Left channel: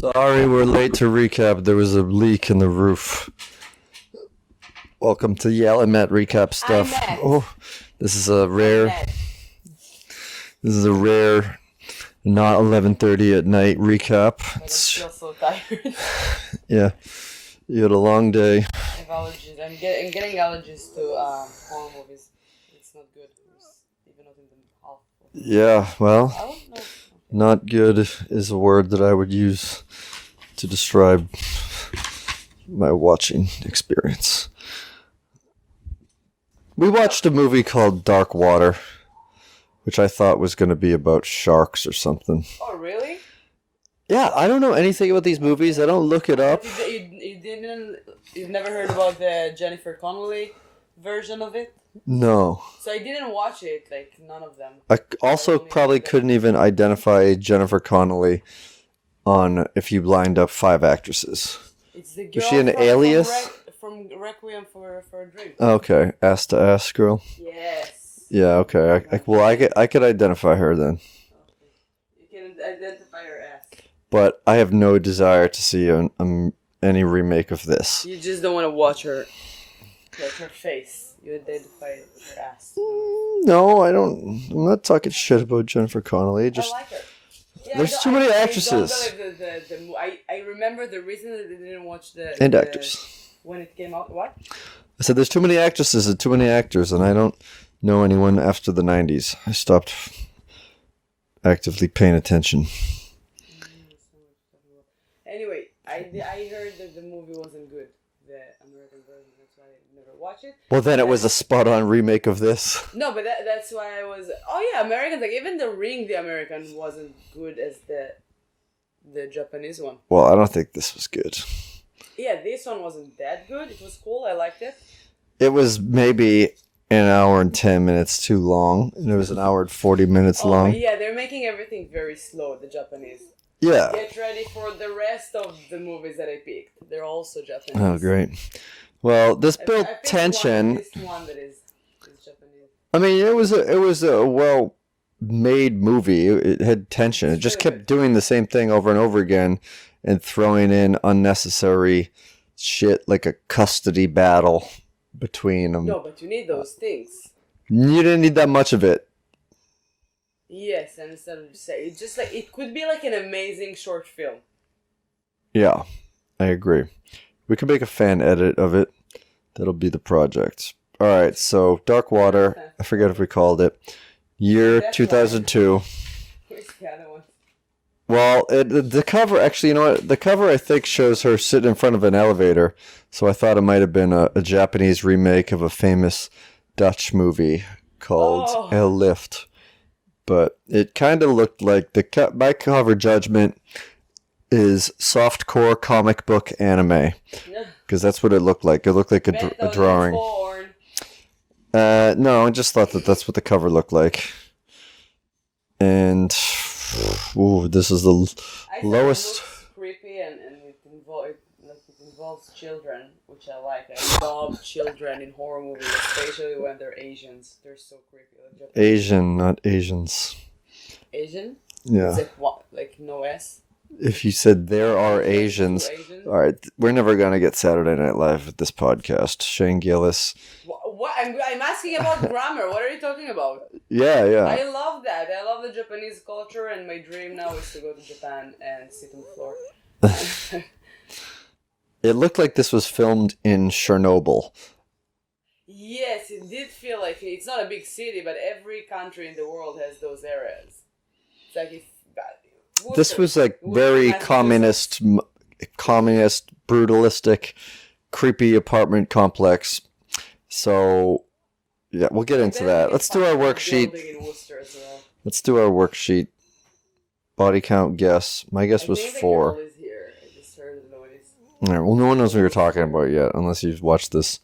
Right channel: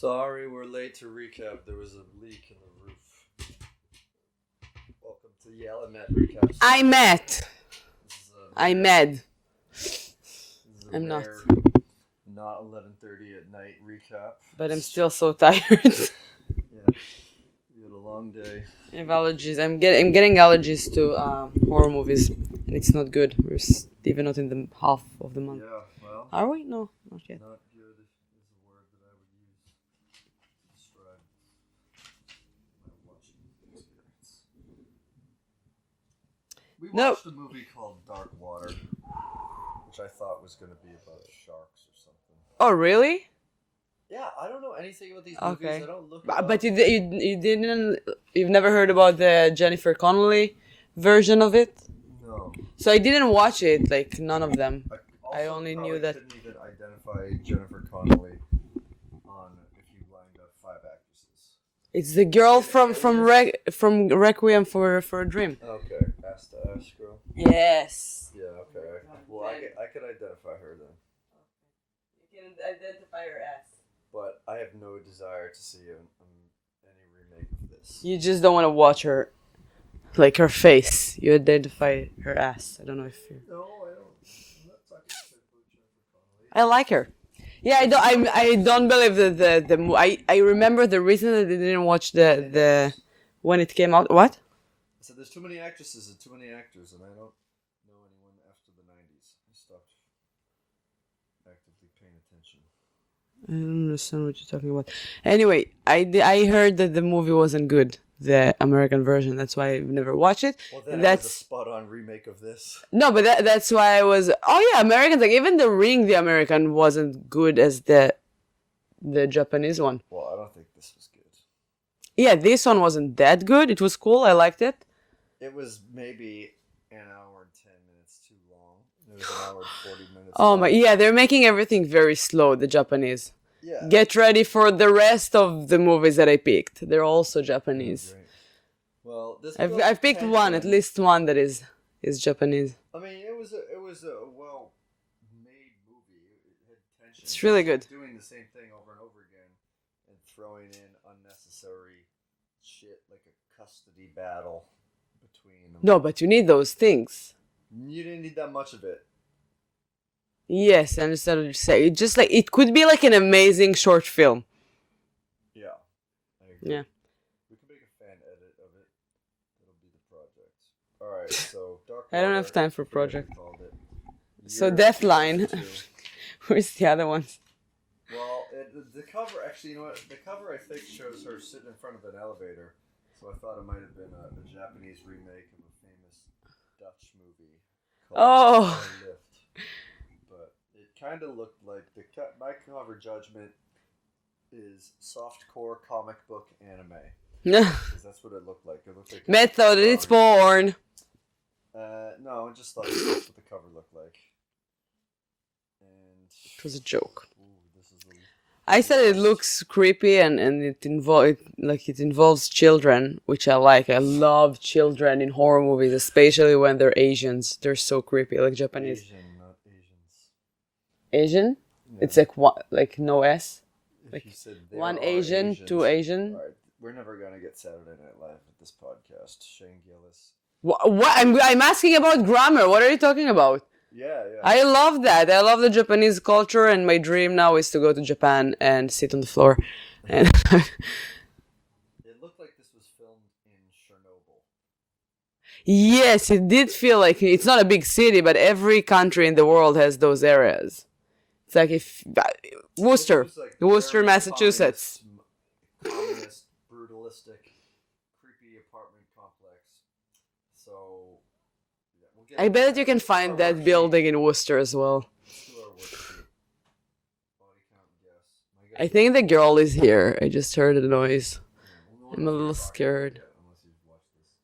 Sorry, we're late to recap. There was a leak in the roof. Welcome to Yael and Matt recap stuff. I'm Matt. Oh, this is a rare. I'm Ned. This is a rare, not 11:30 at night recap. But I'm still so tired. Yeah, you had a long day. I have allergies. I'm getting allergies to horror movies. It's not good. We're even not in the half of the movie. Yeah, well, Are we? No. Okay. not good is a word that I would use to describe my watching experience. We watched a movie called Dark Water, which I thought was going to be about sharks or something. Oh, really? Yeah, I don't know anything about these movies. Okay. I don't look it up. But you've never heard about the Jennifer Connelly version of it? No. So I didn't watch it, like none of them. I also only probably knew that- couldn't even identify Jennifer Connelly on if you lined up 5 actresses. It's the girl she an alias? from Requiem for a Dream. Okay, ass to ass girl. Yes. Yeah, okay. I could identify her then. You can identify her ass. But I have no desire to see any remake of this. You just don't want to watch her, like her face. You identify her ass. I don't know if No, I don't. I'm not talking shit about Jennifer Connelly. I like her. Yeah, There's too many I actresses. don't believe I remember the reason that I didn't watch And actors. when it came out. What? I said there's too many actresses and too many actors, and I don't know anyone after the 90s. I stopped actively paying attention. I don't understand what you're talking about. Anyway, I heard that the movie wasn't good, the American version. That's why I've never watched it. Well, then it was a spot-on remake of this. No, but that's why I was. Oh yeah, Americans, like even The Ring, the American wasn't good as the Japanese one. Well, I don't think this was good. Yeah, this one wasn't that good. It was cool. I liked it. It was maybe an hour and 10 minutes too long, and it was an hour and 40 minutes Oh, long. but yeah, they're making everything very slow, the Japanese. Yeah. Get ready for the rest of the movies that I picked. They're also Japanese. Oh, great. Well, this built I've picked tension. one, at least one that is Japanese. I mean, it was a well-made movie. It had tension. It's It just really kept good. doing the same thing over and over again and throwing in unnecessary shit like a custody battle between them. No, but you need those things. You didn't need that much of it. Yes, I understand what you're saying. Just like it could be like an amazing short film. Yeah, I agree. We could make a fan edit of it. That'll be the project. All right, so Dark I don't have Water. time for I forget if we project. called it. Year Deathline. 2002. Where's the other ones? Well, the cover, actually, you know what? The cover, I think, shows her sitting in front of an elevator. So I thought it might have been a Japanese remake of a famous Dutch movie called El Lift. But it kind of looked like my cover judgment is softcore comic book anime. Because that's what it looked like. It looked like a Method, it's drawing. born. No, I just thought that's what the cover looked like. And ooh, this is the I said lowest. it looks creepy and it involves children, which I like. I love children in horror movies, especially when they're Asians. They're so creepy, like Japanese. Asian, not Asians. Asian? Yeah. It's like what? Like no S. If you said there One are Asian, Asians. two Asian. All right, we're never gonna get Saturday Night Live at this podcast. Shane Gillis. What? I'm asking about grammar. What are you talking about? Yeah. I love that. I love the Japanese culture, and my dream now is to go to Japan and sit on the floor. It looked like this was filmed in Chernobyl. Yes, it did feel like it's not a big city, but every country in the world has those areas. It's like if Worcester, This was like Worcester, very Massachusetts. communist, brutalistic, creepy apartment complex. So, yeah, we'll get I into bet that. you can Let's do our find that worksheet. building in Worcester as well. Let's do our worksheet. Body count guess. My guess I was think the 4. girl is here. I just heard a noise. All right, well, no one knows what you're little talking about scared. yet, unless you've watched this.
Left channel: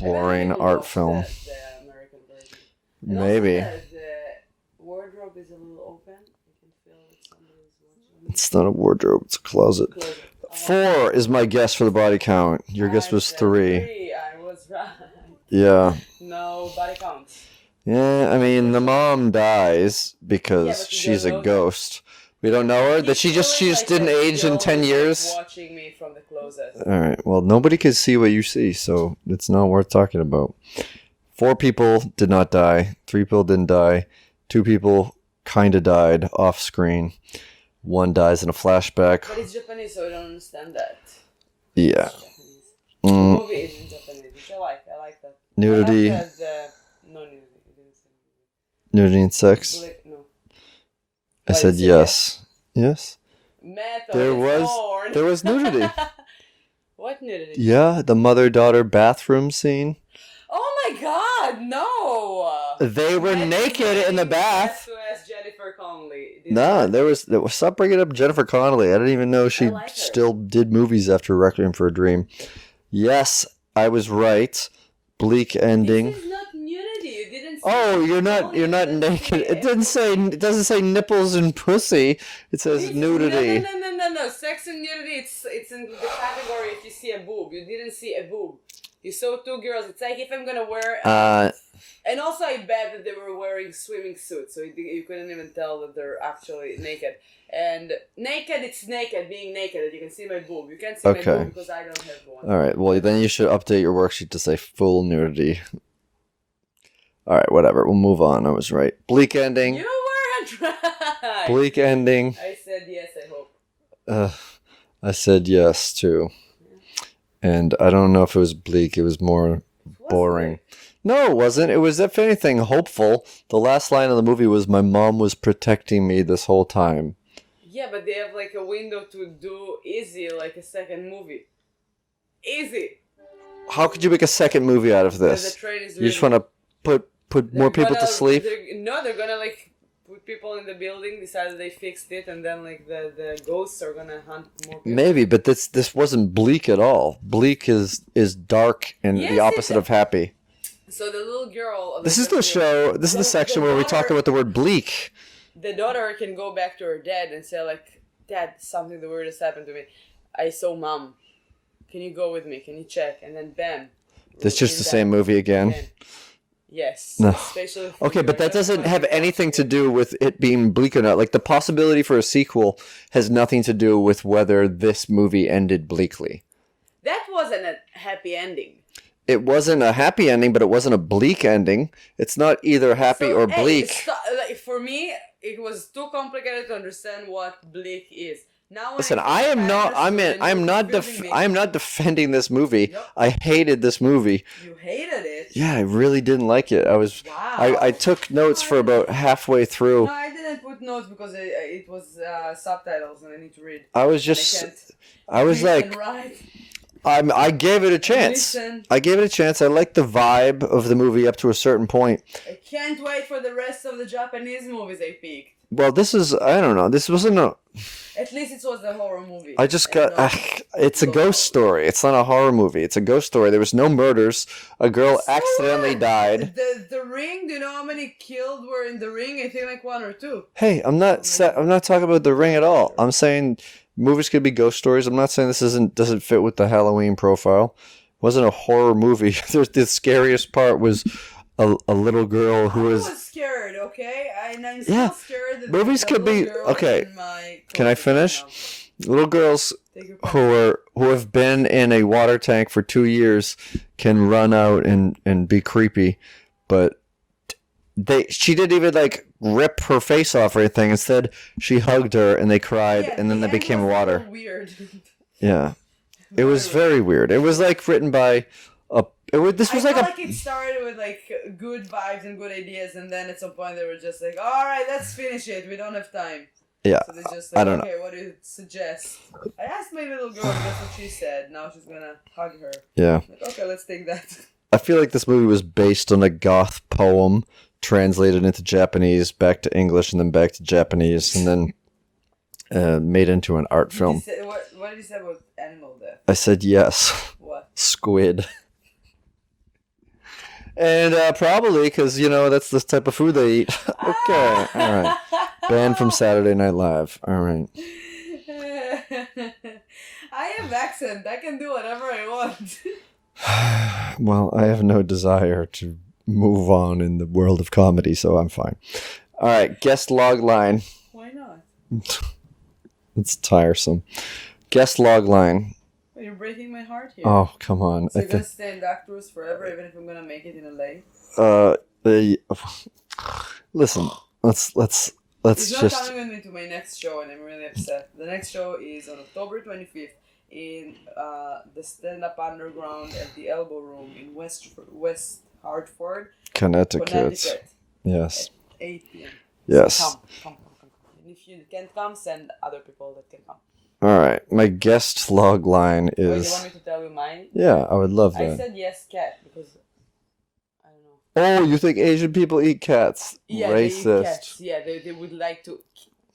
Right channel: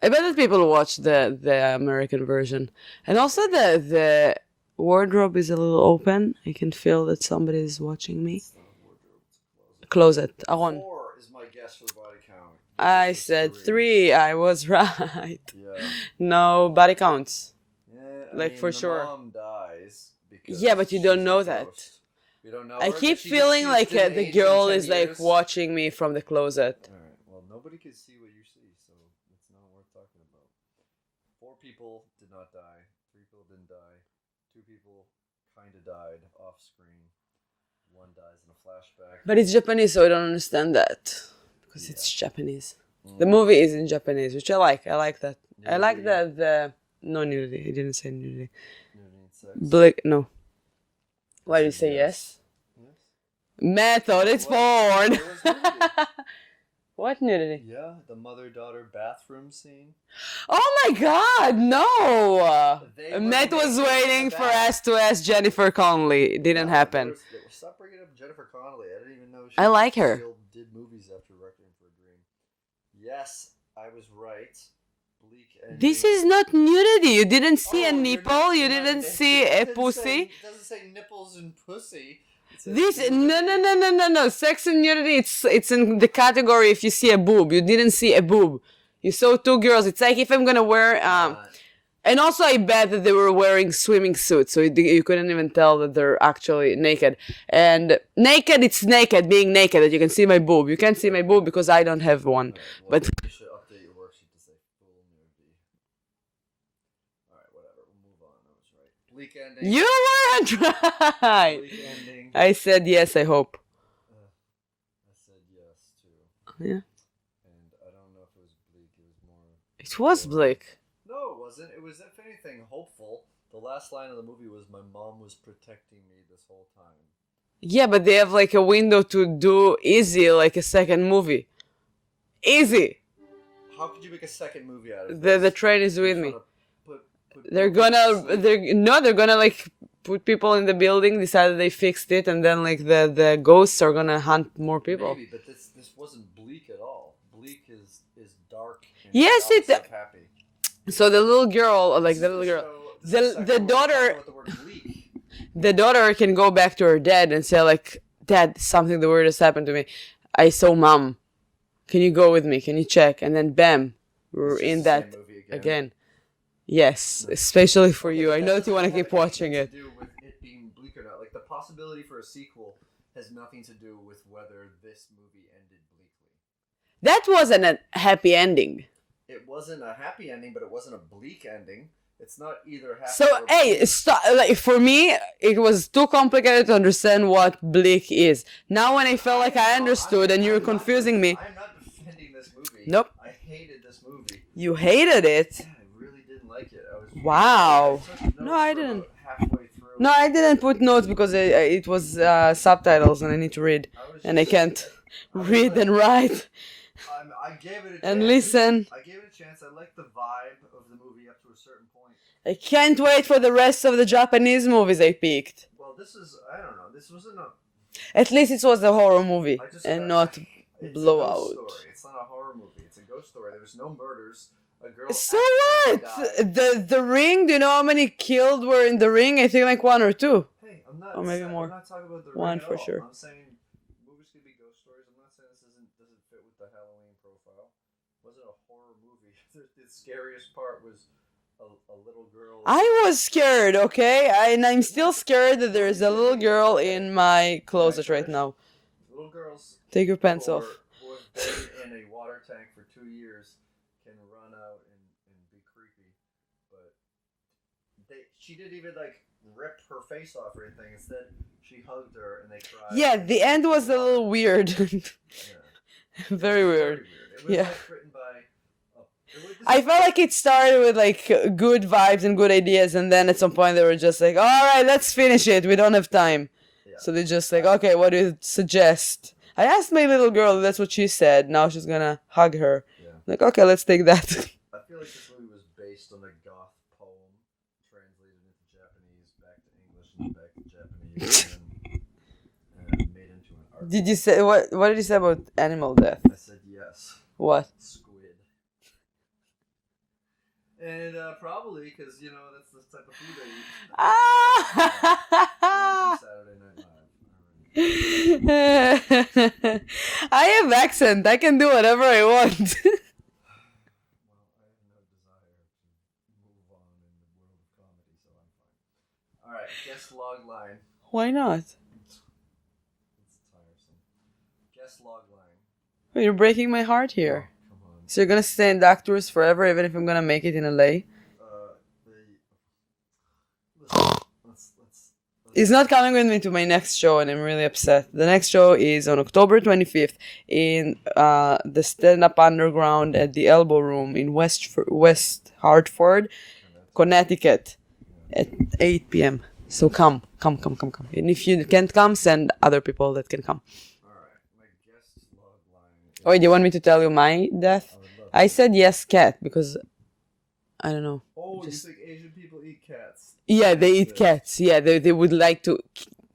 I bet that boring people art watch film. the American version, and also Maybe. the wardrobe is a little open. I can feel that somebody is watching me. It's not a wardrobe. It's a closet. Closet. I want 4 is my guess for the body count. Your guess I was said 3. 3. I was right. Yeah. No body counts. Yeah, I Like, mean, for the sure. mom dies because Yeah, but you don't she's know a that. ghost. We don't know I her? keep That she just feeling like didn't the age in girl 10 is, years? like, watching me from the closet. All right. Well, nobody can see what you see, so it's not worth talking about. 4 people did not die. 3 people didn't die. 2 people kind of died off screen. 1 dies in a flashback. But it's Japanese, so I don't understand that. Yeah. It's Japanese. The movie is in Japanese, which I like. I like that. Nudity. I like that. No nudity. He didn't say nudity. Nudity and sex? No. I Why did said you say yes. Yes. Method, it's porn. There was nudity. What nudity? Yeah, the mother-daughter bathroom scene. Oh my god, no! They were Matt was naked in waiting the for bath. us to ask Jennifer Connelly. It didn't No, happen. there was stop bringing up Jennifer Connelly. I didn't even know she I like her. still did movies after Requiem for a Dream. Yes, I was right. Bleak ending. This is not nudity. You didn't see a nipple. You didn't see a pussy. It doesn't say nipples and pussy. It says nudity. No. Sex and nudity. It's in the category if you see a boob. You didn't see a boob. You saw 2 girls. It's like if I'm gonna wear. And also, I bet that they were wearing swimming suits, so you couldn't even tell that they're actually naked. And naked, it's naked, being naked, that you can see my boob. You can't see my boob because I don't have one. All right, well, then you should update your worksheet to say full nudity. All right, whatever. We'll move on. I was right. Bleak ending. You weren't right! Bleak ending. I said yes, I hope. I said yes, too. Yeah. And I don't know if it was bleak. It was more It was boring. bleak. No, it wasn't. It was, if anything, hopeful. The last line of the movie was, "My mom was protecting me this whole time." Yeah, but they have like a window to do easy, like a second movie. Easy. How could you make a second movie out of this? The train is You just want to put They're more people gonna, to sleep? they're gonna like put people in the building, decided they fixed it, and then like the ghosts are gonna hunt more people. Maybe, but this wasn't bleak at all. Bleak is dark and Yes, the opposite of happy. So the little girl, like This is the show. This is the section where we talk about the word bleak. The daughter can go back to her dad and say like, "Dad, something the weirdest happened to me. I saw mom. Can you go with me? Can you check?" And then bam. It's just the same movie again. Yes, No. especially for you. Okay, but that doesn't have anything to do with it being bleak or not. Like, the possibility for a sequel has nothing to do with whether this movie ended bleakly. That wasn't a happy ending. It wasn't a happy ending, but it wasn't a bleak ending. It's not either happy or bleak. Like, for me, it was too complicated to understand what bleak is. Now when Listen, I felt I understood and you're confusing me. I am not defending this movie. Nope. I hated this movie. You hated it? Yeah, I really didn't like it. Wow. I took notes for about halfway through. No, I didn't put notes because it was subtitles and I need to read. I was just. And I can't I was read like, and write. I gave it a chance. listen. I gave it a chance. I liked the vibe of the movie up to a certain point. I can't wait for the rest of the Japanese movies I picked. Well, this is, I don't know. This wasn't a. At least it was a horror movie. I just and got. not It's a blowout. ghost story. It's not a horror movie. It's a ghost story. There was no murders. A girl accidentally died. The ring. Do you know how many killed were in the ring? I think like 1 or 2. Hey, I'm not. I'm not talking about the ring at all. Sure. I'm saying movies could be ghost stories. I'm not saying this doesn't fit with the Halloween profile. It wasn't a horror movie. The scariest part was a little girl who was scared, okay? And I'm still scared that there's a little girl in my closet. Can I finish? Right now. Little girls Take your pencil. who have been in a water tank for 2 years can run out and be creepy, but she didn't even like rip her face off or anything. Instead, she hugged her and they cried, and then they became water. Yeah, the end was a little weird. Yeah, it was very weird. It was like written by a. I felt like it started with like good vibes and good ideas, and then at some point they were just like, "All right, let's finish it. We don't have time." Yeah. So they just like, "Okay, what do you suggest?" I asked my little girl. That's what she said. Now she's gonna hug her. Yeah. Like, okay, let's take that. I feel like this movie was based on a goth poem translated into Japanese, back to English, and then back to Japanese, and then made into an art film. Did you say what did you say about animal death? I said yes. What? Squid. And probably because, that's the type of food they eat. Okay, all right. Banned from Saturday Night Live. All right. I have accent. I can do whatever I want. Well, I have no desire to move on in the world of comedy, so I'm fine. All right, guest log line. Why not? It's tiresome. Guest log line. You're breaking my heart here. Oh, come on. So you're gonna stay in Doctors forever, even if I'm gonna make it in LA? Listen, let's. He's not coming with me to my next show, and I'm really upset. The next show is on October 25th in the Stand Up Underground at the Elbow Room in West Hartford, Connecticut. Yes. At 8 p.m. Yes. So come. And if you can't come, send other people that can come. All right. My guest log line is... Wait, you want me to tell you my death? I would love that. I said yes, cat, because I don't know. Oh, you think Asian people eat cats? Yeah, Racist. they eat cats. Yeah, they would like to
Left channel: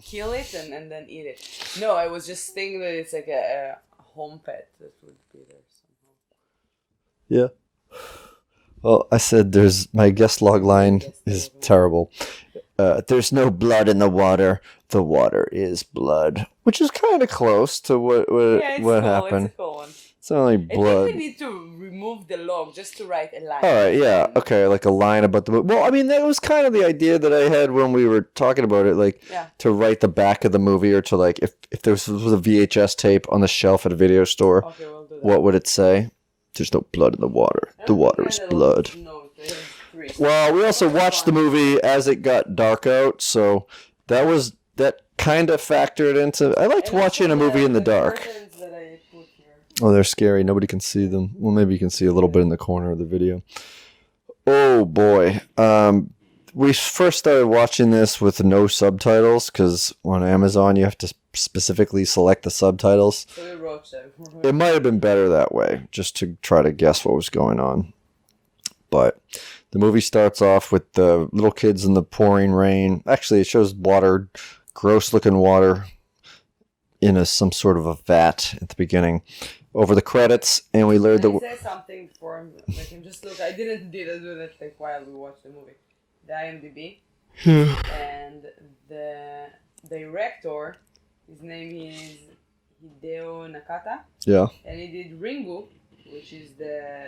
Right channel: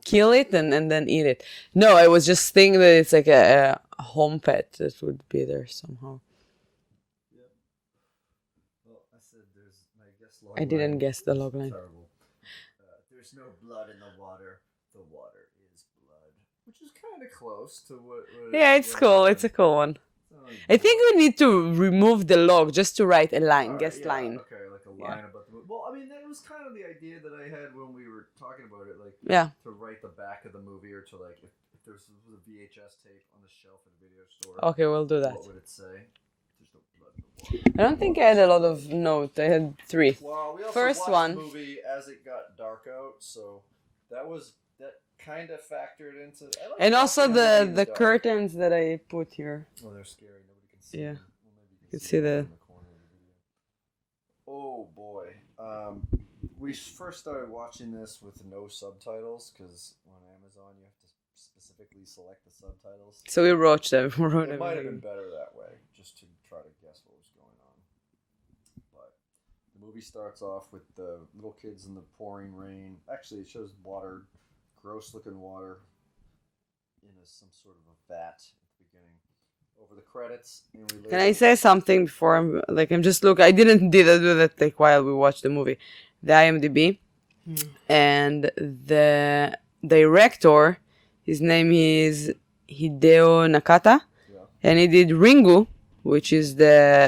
kill it and then eat it. No, I was just thinking that it's like a home pet that would be there somehow. Yeah. Well, I said my guest log line is terrible. There's no blood in the water. The water is blood. Which is kind of close to what yeah, it's what cool. happened. It's a cool one. It's only blood. I think we need to remove the log just to write a line. All right, yeah. Okay, like a line about the movie. Well, I mean, that was kind of the idea that I had when we were talking about it. Like, to write the back of the movie, or to, like, if there was a VHS tape on the shelf at a video store. Okay, we'll do that. What would it say? There's no blood in the water. The water is blood. I had a lot of notes. I had 3. Well, we also watched the movie as it got dark out, so that kind of factored into... I liked watching a movie in the dark. And also the curtains that I put here. Oh, they're scary. Nobody can see them. Well, maybe you can see a little bit in the corner of the video. Oh, boy. We first started watching this with no subtitles, because on Amazon you have to specifically select the subtitles. So we wrote them. It might have been better that way, just to try to guess what was going on. But the movie starts off with the little kids in the pouring rain. Actually, it shows water, gross-looking water, in some sort of a vat at the beginning. Over the credits, and we learned... Can I say something before I'm just looking? I didn't do that like while we watched the movie. The IMDb. And the director, his name is Hideo Nakata. Yeah. And he did Ringu, which is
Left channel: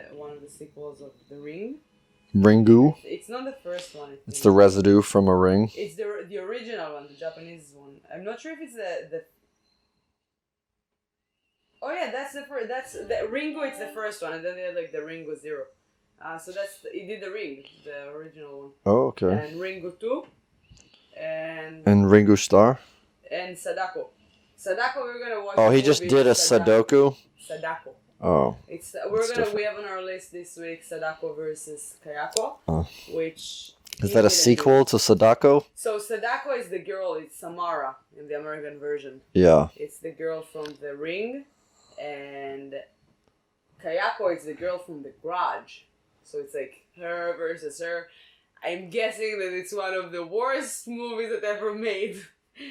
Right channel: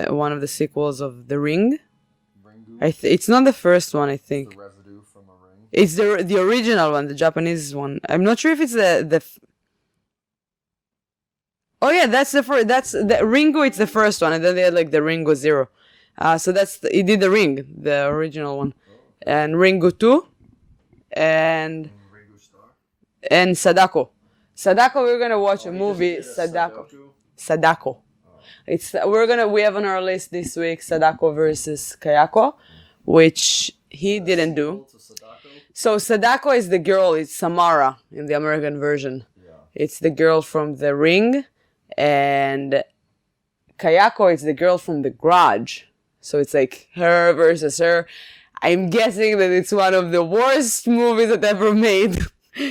one of the sequels of The Ring. Ringu? It's not the first one, I think. It's the residue from a ring? It's the original one, the Japanese one. I'm not sure if it's the Oh yeah, that's the first. That's the Ringu. It's the first one, and then they had like the Ringu Zero. So he did the Ring, the original one. Oh, okay. And Ringu 2, and Ringu Star, and Sadako. Sadako, we're gonna watch. Oh, he just did a Sadako. Sadako. Oh. We have on our list this week Sadako versus Kayako, which he didn't do. Is that a sequel to Sadako? So Sadako is the girl. It's Samara in the American version. Yeah. It's the girl from The Ring, and Kayako is the girl from The Grudge. So it's like her versus her. I'm guessing that it's one of the worst movies that ever made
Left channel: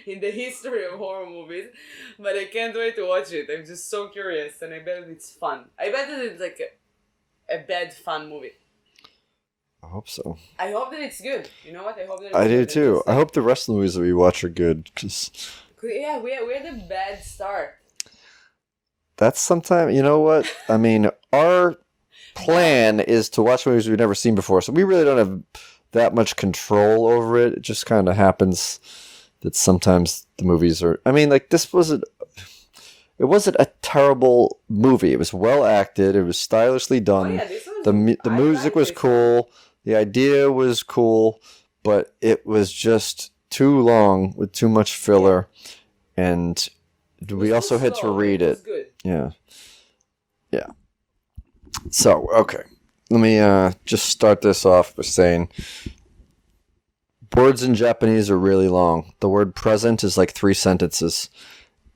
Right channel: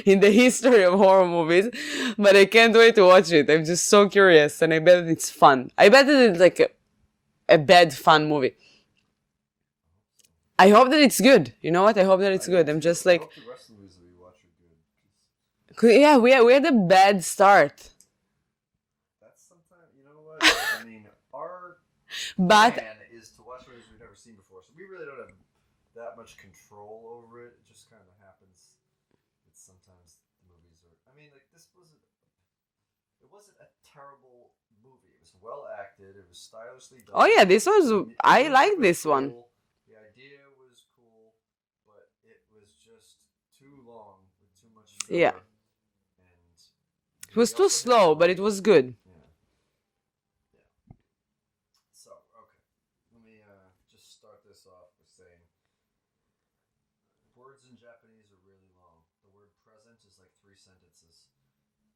in the history of horror movies, but I can't wait to watch it. I'm just so curious, and I bet that it's fun. I bet that it's like a bad fun movie. I hope so. I hope that it's good. You know what? I hope that it's good. I do too. I hope the rest of the movies that we watch are good. Yeah, we had a bad start. That's sometimes, you know what? I mean, our plan is to watch movies we've never seen before, so we really don't have that much control over it. It just kind of happens that sometimes the movies are... I mean, like, it wasn't a terrible movie. It was well acted. It was stylishly done. Oh yeah, this was... The music was cool. One. The idea was cool, but it was just too long with too much filler. Yeah. And we also had to read it. But it was good. Yeah. Yeah. So, okay. Let me just start this off by saying... Words in Japanese are really long. The word present is like 3 sentences.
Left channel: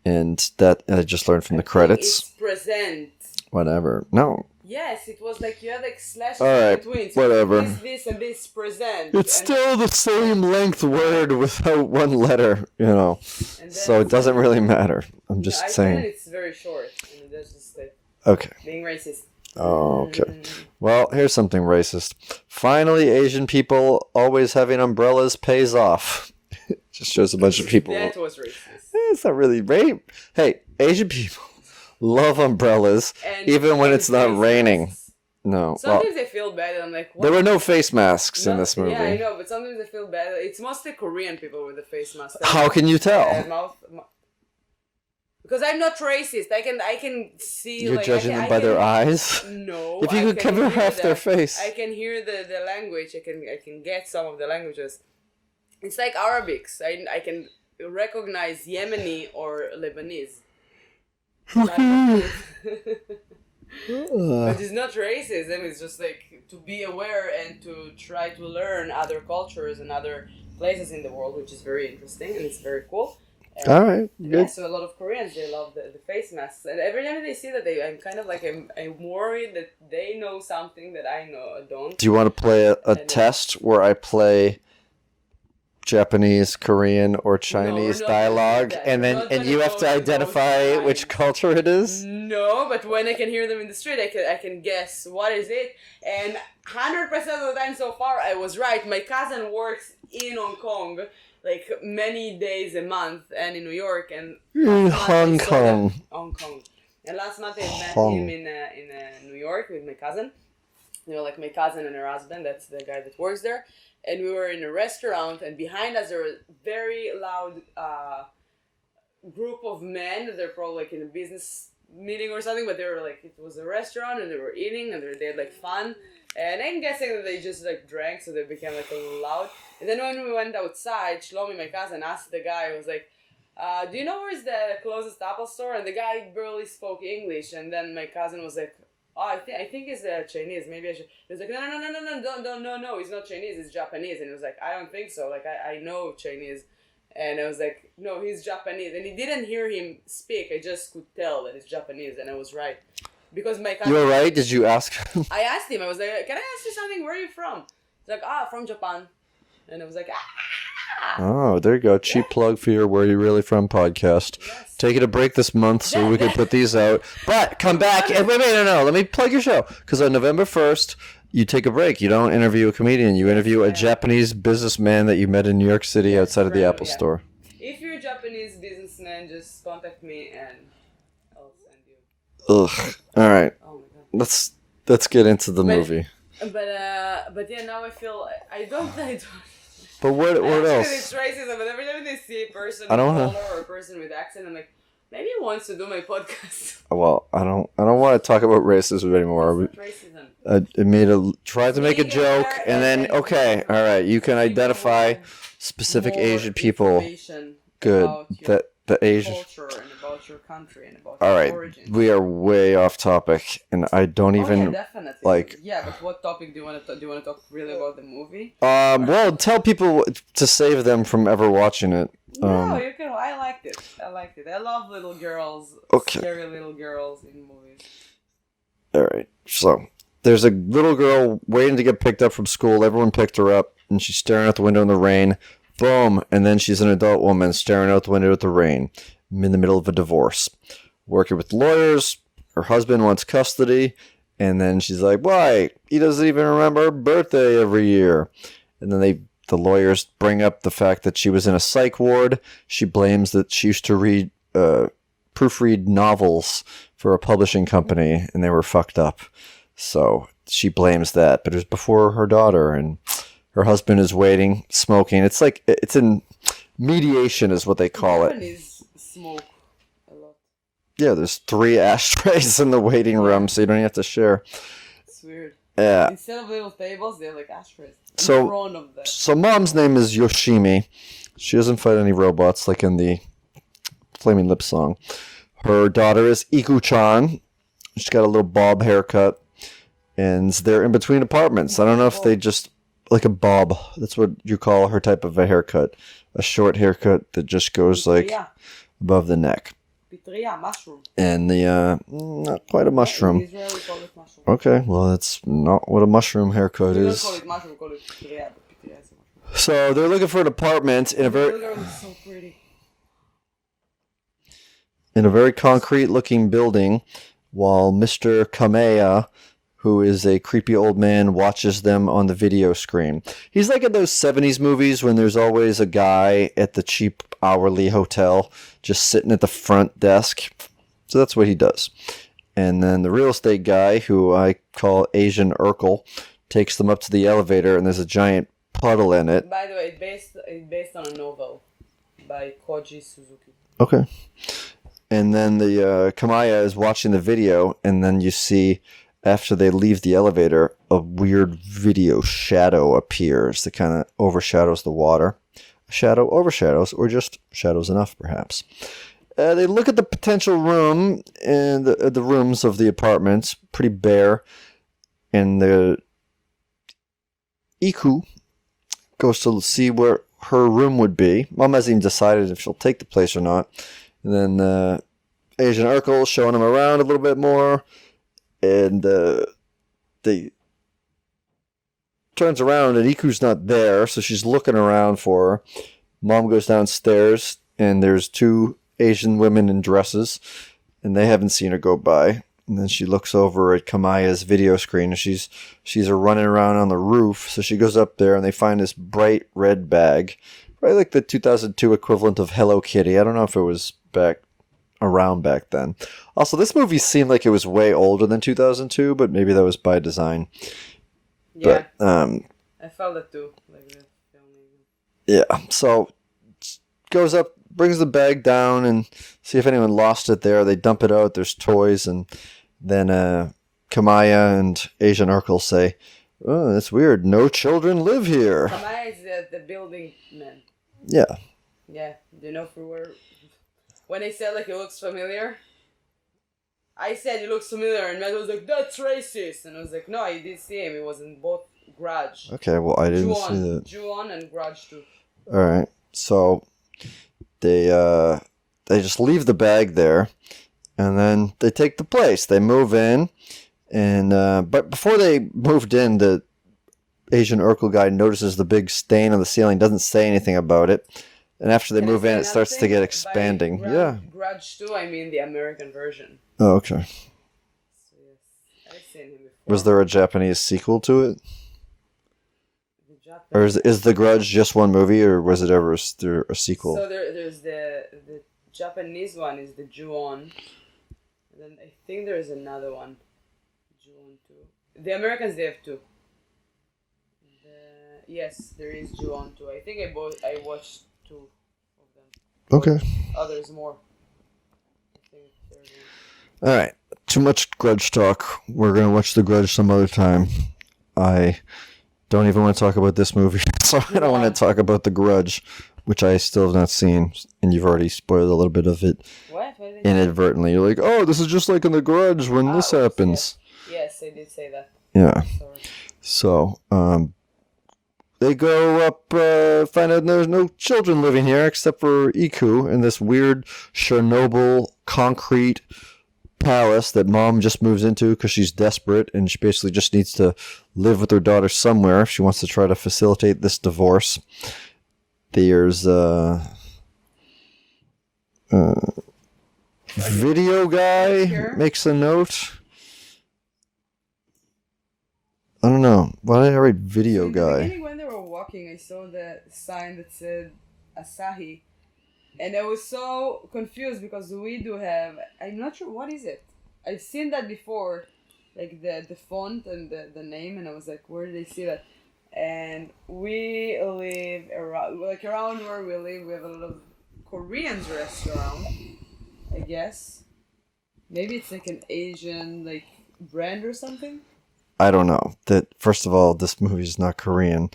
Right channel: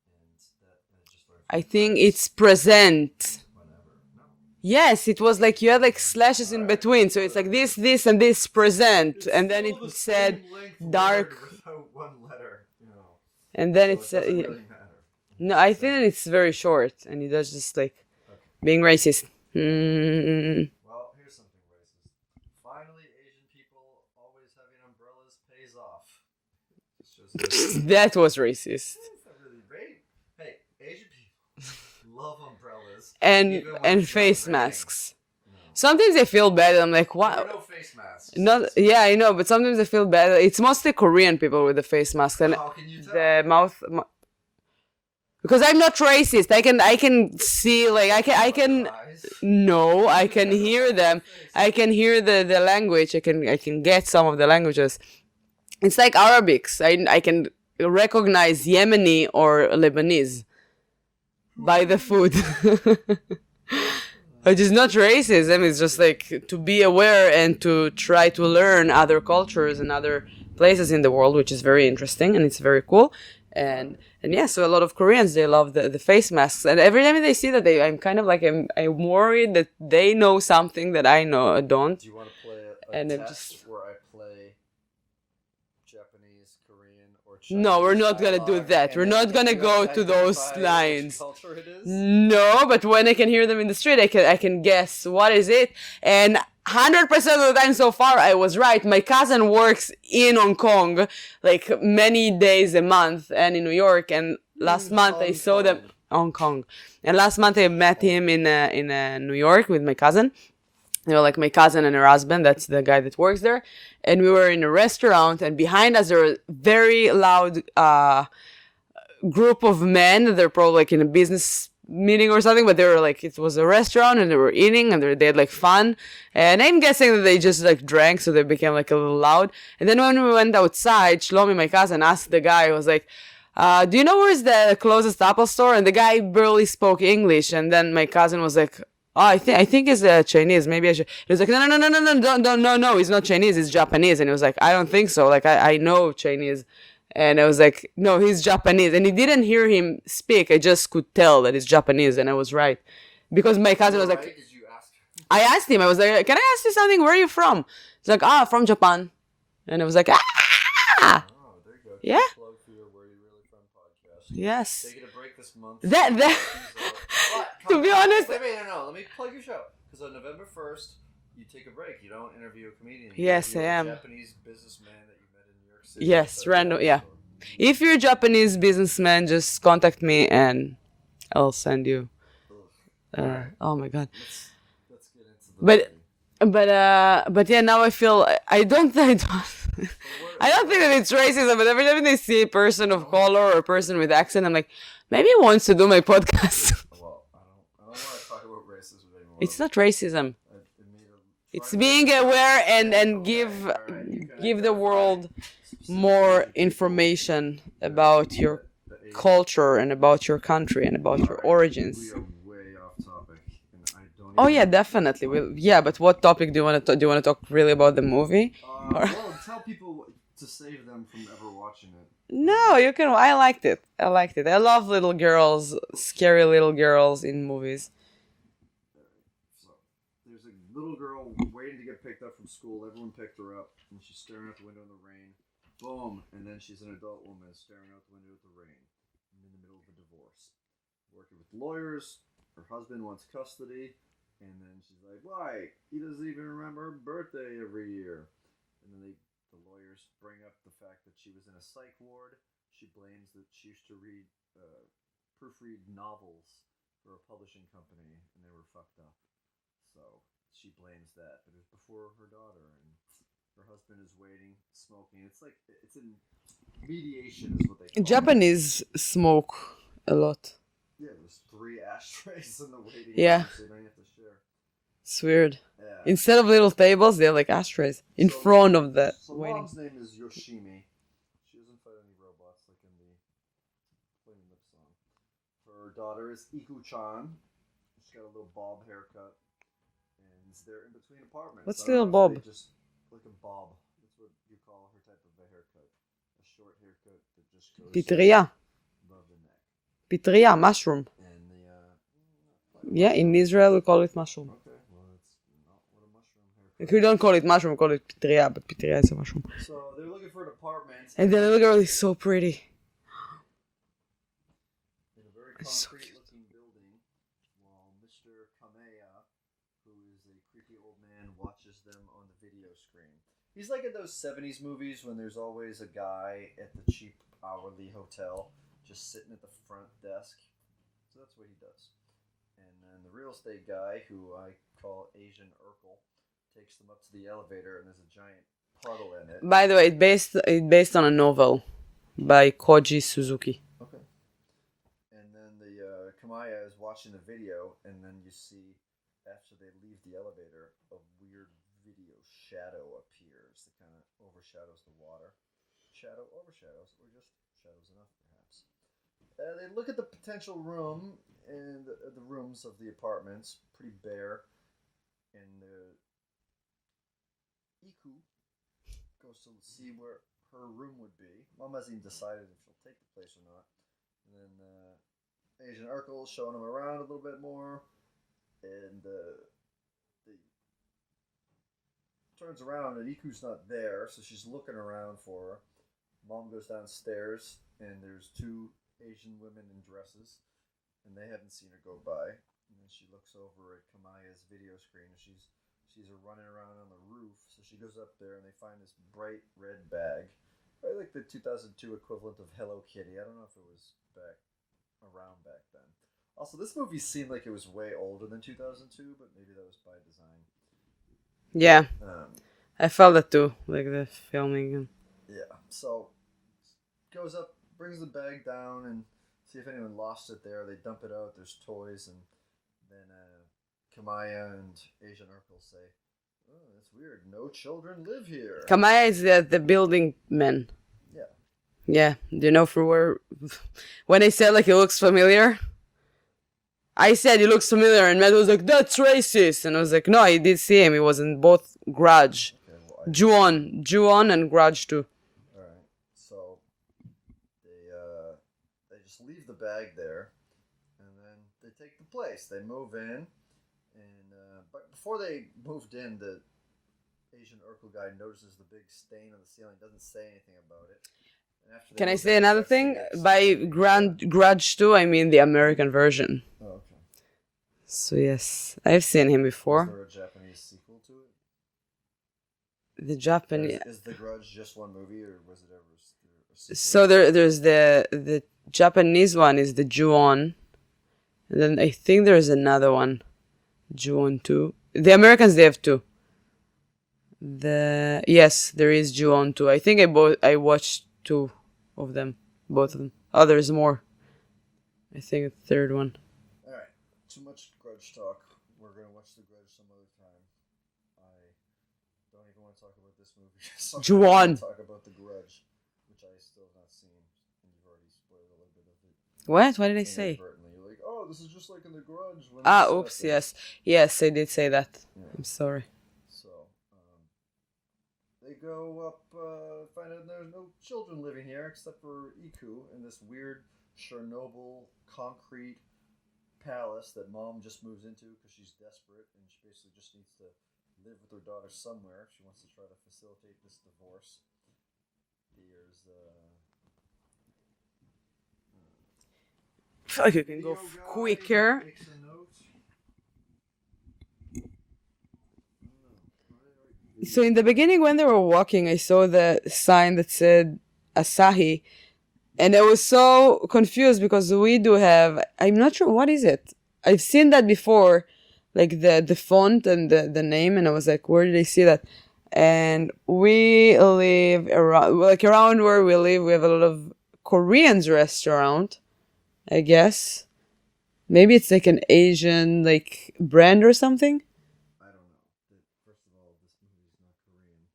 And that I just learned from the credits. I think it's present. Whatever. No. Yes, it was like you had like slashes in between. So it's like this, and this present. It's and still the same length word without one letter, you know. And then so it doesn't really matter. I'm just saying. I think it's very short. And it does just like being racist. Oh, okay. Well, here's something racist. Finally, Asian people always having umbrellas pays off. Just shows a bunch of people. That was racist. It's not really right. Hey, Asian people love umbrellas, even when it's not raining. Masks. No. Sometimes I feel bad. I'm like, what? There were no face masks in this movie. Yeah, I know, but sometimes I feel bad. It's mostly Korean people with the face masks. How can you tell? Because I'm not racist. I can see. You're like I can. Their eyes? No, I can hear them. Face. I can hear the language. I can get some of the languages. It's like Arabics. I can recognize Yemeni or Lebanese by the food. Which is not racism. It's just like to be aware and to try to learn other cultures and other places in the world, which is very interesting and it's very cool. And, all right. And yeah, so a lot of Koreans, they love the face masks. And every time they see that, I'm kind of like, I'm worried that they know something that I don't. Do you want to play a test where I play Japanese, Korean, or Chinese dialogue? No, we're not going to do that. We're not going to go to those lines. Which culture it is? No, but when I can hear them in the street, I can guess what is it. And 100% of the time so far, I was right. My cousin works in Hong Kong, like many days a month, and in New York. And last month I saw them Hong Kong. And last month I met him in New York with my cousin. You know, like my cousin and her husband. That's the guy that works there. And we were in a restaurant, and behind us there was a very loud group of men. They're probably like in a business meeting or something, but they were like, it was a restaurant and they were eating and they had like fun. And I'm guessing that they just like drank, so they became like a little loud. And then when we went outside, Shlomi, my cousin, asked the guy, he was like, do you know where's the closest Apple store? And the guy barely spoke English. And then my cousin was like, oh, I think it's Chinese. Maybe I should. He was like, no, he's not Chinese. He's Japanese. And he was like, I don't think so. Like, I know Chinese. And I was like, no, he's Japanese. And he didn't hear him speak. I just could tell that he's Japanese. And I was right. Because my cousin... You were right? Did you ask him? I asked him. I was like, can I ask you something? Where are you from? He's like, from Japan. And I was like, Oh, there you go. Cheap plug for your Where You Really From podcast. Yes. Taking a break this month so we can put these out. But come back. Wait, no. Let me plug your show. Because on November 1st, you take a break. You don't interview a comedian. You interview a Japanese businessman that you met in New York City outside of the Apple store. If you're a Japanese businessman, just contact me and I'll send you. Ugh. All right. Oh, my God. Let's get into the movie. But yeah, now I feel... I don't But what I don't think else? that it's racism, but every time they see a person of color or a person with accent, I'm like, maybe he wants to do my podcast. Well, I don't want to talk about racism anymore. It's not racism. It made tried to make a joke, aware and then okay, all right, you can identify specific Asian people. Information about your culture and about your country and about your origins. We are way off topic, and I don't even. Oh yeah, definitely. But what topic do you want to talk really about the movie? Well, tell people to save them from ever watching it. No, you can. I liked it. I love little girls, scary little girls in movies. All right, so there's a little girl waiting to get picked up from school. Everyone picked her up, and she's staring out the window in the rain. Boom, and then she's an adult woman staring out the window at the rain. I'm in the middle of a divorce. Working with lawyers, her husband wants custody, and then she's like, why? He doesn't even remember her birthday every year. And then the lawyers bring up the fact that she was in a psych ward. She blames that she used to proofread novels for a publishing company, and they were fucked up. So she blames that, but it was before her daughter, and... Her husband is waiting, smoking. It's like, it's in mediation is what they call Japanese smoke a lot. Yeah, there's 3 ashtrays in the waiting room, so you don't have to share. It's weird. Yeah. Instead of little tables, they have like ashtrays in front of that. So mom's name is Yoshimi. She doesn't fight any robots like in the Flaming Lips song. Her daughter is Iku-chan. She's got a little bob haircut. And they're in between apartments. I don't know if they just... Like a bob. That's what you call her type of a haircut. A short haircut that just goes like above the neck. Pitria, mushroom. And the, not quite a mushroom. Yeah, in Israel we call it mushroom. Okay, well that's not what a mushroom haircut is. We don't call it mushroom, we call it pitria, but pitria is a mushroom. So they're looking for an apartment. And the little girl is so pretty. In a very concrete looking building while Mr. Kamea, who is a creepy old man, watches them on the video screen. He's like in those 70s movies when there's always a guy at the cheap hourly hotel just sitting at the front desk. So that's what he does. And then the real estate guy, who I call Asian Urkel, takes them up to the elevator, and there's a giant puddle in it. By the way, it's based on a novel by Koji Suzuki. Okay. And then the Kamaya is watching the video, and then you see, after they leave the elevator, a weird video shadow appears that kind of overshadows the water. A shadow overshadows, or just shadows enough, perhaps. They look at the potential room, and the rooms of the apartments, pretty bare, and the Iku goes to see where her room would be. Mom hasn't even decided if she'll take the place or not. And then Asian Urkel showing him around a little bit more, and they turns around and Iku's not there, so she's looking around for her. Mom goes downstairs, and there's two Asian women in dresses, and they haven't seen her go by. And then she looks over at Kamaya's video screen, and she's running around on the roof. So she goes up there, and they find this bright red bag, probably like the 2002 equivalent of Hello Kitty. I don't know if it was around back then. Also, this movie seemed like it was way older than 2002, but maybe that was by design. Yeah, but, I felt that too, like the filming. Yeah, so goes up, brings the bag down, and see if anyone lost it there. They dump it out. There's toys, and then Kamaya and Asian Urkel say, "Oh, that's weird. No children live here." Kamaya is the building man. Yeah. Yeah. Do you know for where? When I said like he looks familiar, I said he looks familiar, and Matt was like, "That's racist," and I was like, "No, I did see him. He was in both Grudge." Okay, well I didn't see that. Ju-on and Grudge too. All right, so they just leave the bag there, and then they take the place. They move in, and but before they moved in, the Asian Urkel guy notices the big stain on the ceiling. Doesn't say anything about it, and after they move in, it starts to get expanding. By Grudge 2, I mean the American version. Oh, okay. So yes, I've seen him before. Was there a Japanese sequel to it? The Japanese. Or is The Grudge just one movie, or was it ever a sequel? So there's the Japanese one is the Ju-on, and then I think there's another one, Ju-on 2. The Americans, they have two. Yes, there is Ju-on 2. I think I watched two of them. Okay. Others more. I think a third one. All right. Too much Grudge talk. We're gonna watch The Grudge some other time. I don't even want to talk about this movie, so I don't want to talk about The Grudge, which I still have not seen, and you've already spoiled a little bit of it. What? What did I say? Inadvertently. You're like, oh, this is just like in The Grudge when this happens. Yes, I did say that. Yeah. Sorry. So, they go up, find out there's no children living here except for Iku in this weird Chernobyl concrete palace that mom just moves into because she's desperate, and she basically just needs to live with her daughter somewhere if she wants to try to facilitate this divorce. There's video guy makes a note. I don't know. Why did I write video guy? So in the beginning when they were walking, I saw the sign that said Asahi, and I was so confused because we do have, I'm not sure, what is it? I've seen that before, like the font and the name, and I was like, where did I see that? And we live around where we live, we have a lot of Koreans restaurant, I guess. Maybe it's like an Asian like brand or something. I don't know. That first of all, this movie is not Korean.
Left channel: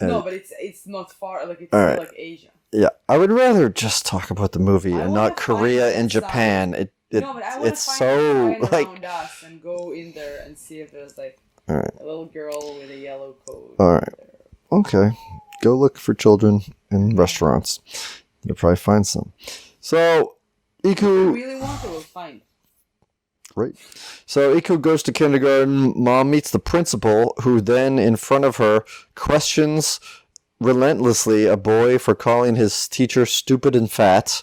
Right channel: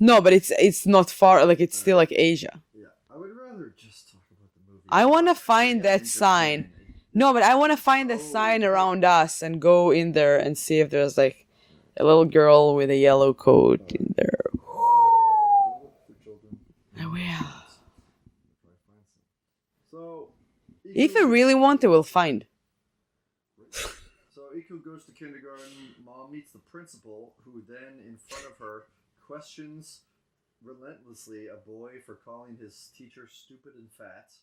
No, but it's not far. Like it's still like Asia. Yeah, I would rather just talk about the movie and not Korea and Japan. No, but I want to find a sign around us and go in there and see if there's like a little girl with a yellow coat in there. Okay, go look for children in restaurants. You'll probably find some. So, Iku, if you really want, they will find. Right. So Iku goes to kindergarten. Mom meets the principal, who then, in front of her, questions relentlessly a boy for calling his teacher stupid and fat.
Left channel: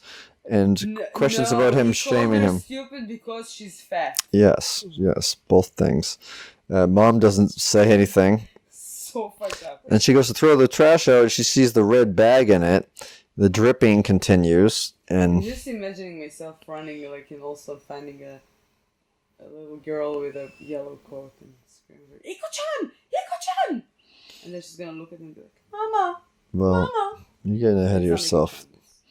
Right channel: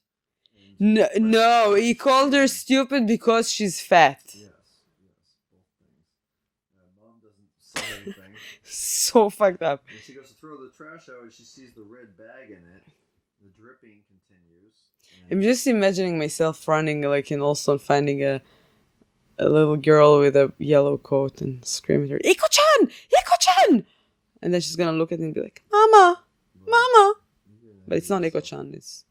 and questions about him he called shaming her him. stupid because she's fat. Yes, both things. Mom doesn't say anything. So fucked up. And she goes to throw the trash out, and she sees the red bag in it. The dripping continues, and I'm just imagining myself running like in also finding a little girl with a yellow coat and screaming at her, Iko-chan! Iko-chan! And then she's gonna look at me and be like, Mama! well, Mama! you're getting ahead It's of not yourself. Iko-chan, it's...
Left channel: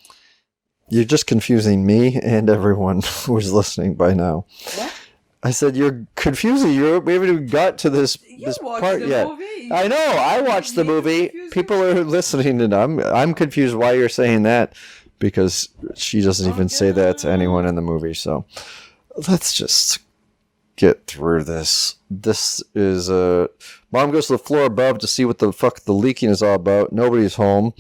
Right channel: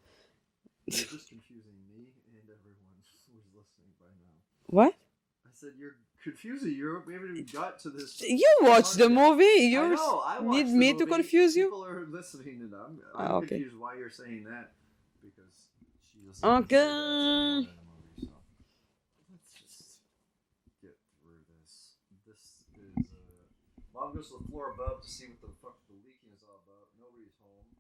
You're just confusing me and everyone who's listening by now. What? I said you're confusing. We haven't even got to this. You this watched part the yet. movie? I know. I watched the need to movie. confuse you? People are listening, and I'm Okay. confused why you're saying that, because she doesn't even say that to Okay. anyone in the movie. So let's just get through this. This is Mom goes to the floor above to see what the fuck the leaking is all about. Nobody's home.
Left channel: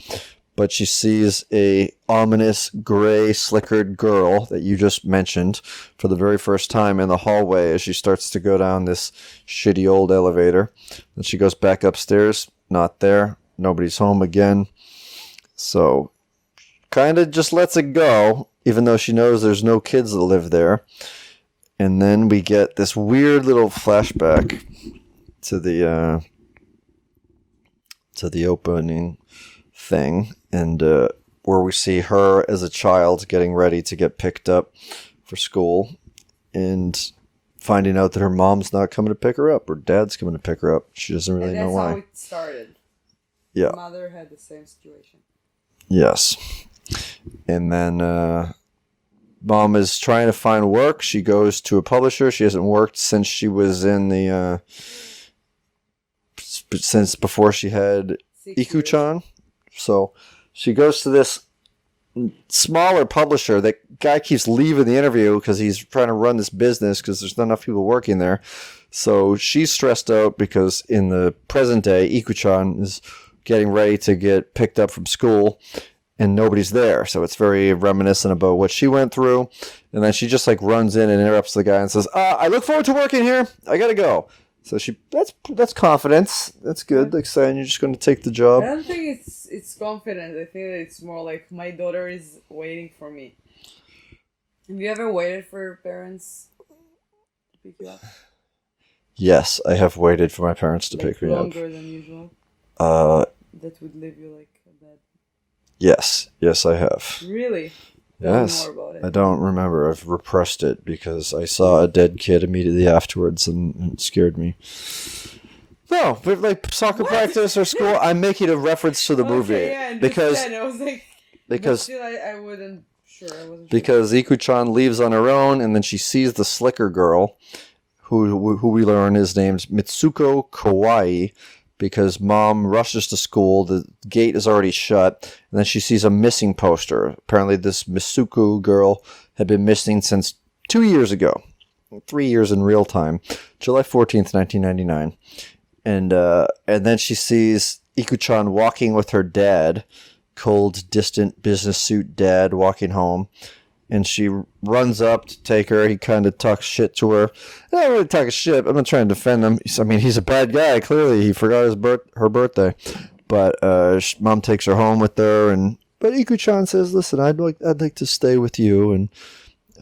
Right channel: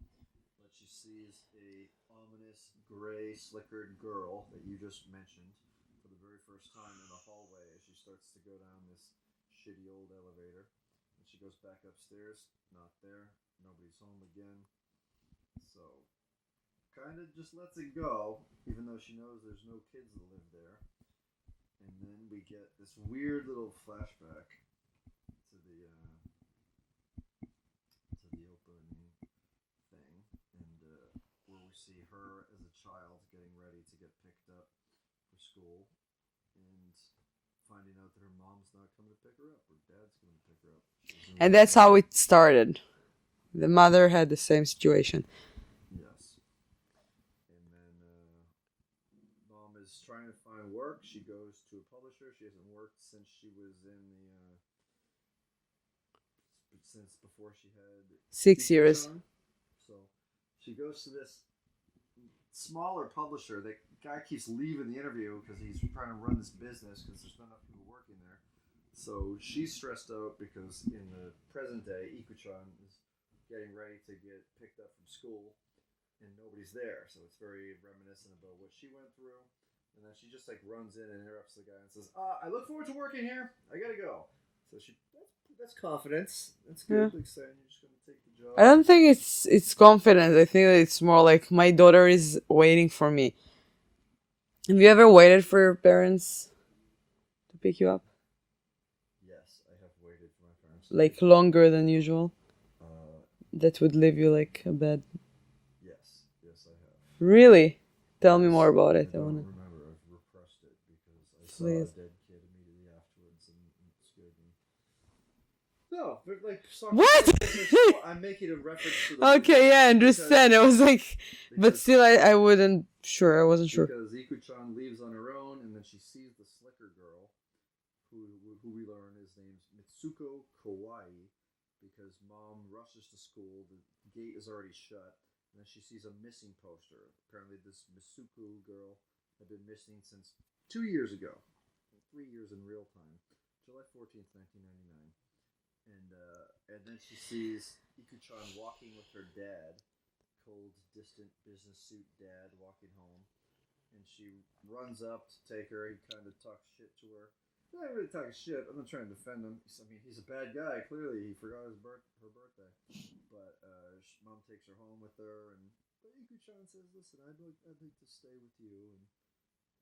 But she sees a ominous gray slickered girl that you just mentioned for the very first time in the hallway as she starts to go down this shitty old elevator. Then she goes back upstairs, not there. Nobody's home again. So kind of just lets it go, even though she knows there's no kids that live there. And then we get this weird little flashback to the opening thing, and where we see her as a child getting ready to get picked up for school and finding out that her mom's not coming to pick her up or dad's coming to pick her up. She doesn't really And that's know how why. it started. Yeah. Mother had the same situation. Yes. And then Mom is trying to find work. She goes to a publisher. She hasn't worked since she was in the since before she had 6 years. Iko-chan. So she goes to this smaller publisher. That guy keeps leaving the interview because he's trying to run this business because there's not enough people working there. So she's stressed out because in the present day, Iko-chan is getting ready to get picked up from school and nobody's there. So it's very reminiscent about what she went through. And then she just like runs in and interrupts the guy and says, I look forward to working here. I gotta go. So that's confidence. That's good. Like saying you're just going to take the job. I don't think it's confidence. I think that it's more like my daughter is waiting for me. Have you ever waited for your parents to pick you up? Yes, I have waited for my parents to pick me up. Like longer than usual? That would leave you like a bad... Yes, I have. Really? Tell Yes. me more about it. I don't remember. I've repressed it because I saw a dead kid immediately afterwards and it scared me. No, but like soccer practice or school, I'm making a reference to the movie. Okay, yeah, I understand. I was like... But Because still, I wasn't sure. because Iko-chan leaves on her own, and then she sees the slicker girl, who we learn is named Mitsuko Kawaii, because Mom rushes to school. The gate is already shut, and then she sees a missing poster. Apparently, this Mitsuko girl had been missing since 2 years ago, 3 years in real time, July 14th, 1999, and then she sees Iko-chan walking with her dad. Cold, distant business suit dad walking home, and she runs up to take her. He kind of talks shit to her. I don't really talk shit. I'm not trying to defend him. I mean, he's a bad guy. Clearly, he forgot her birthday. But Mom takes her home with her, but Iko-chan says, "Listen, I'd like to stay with you, and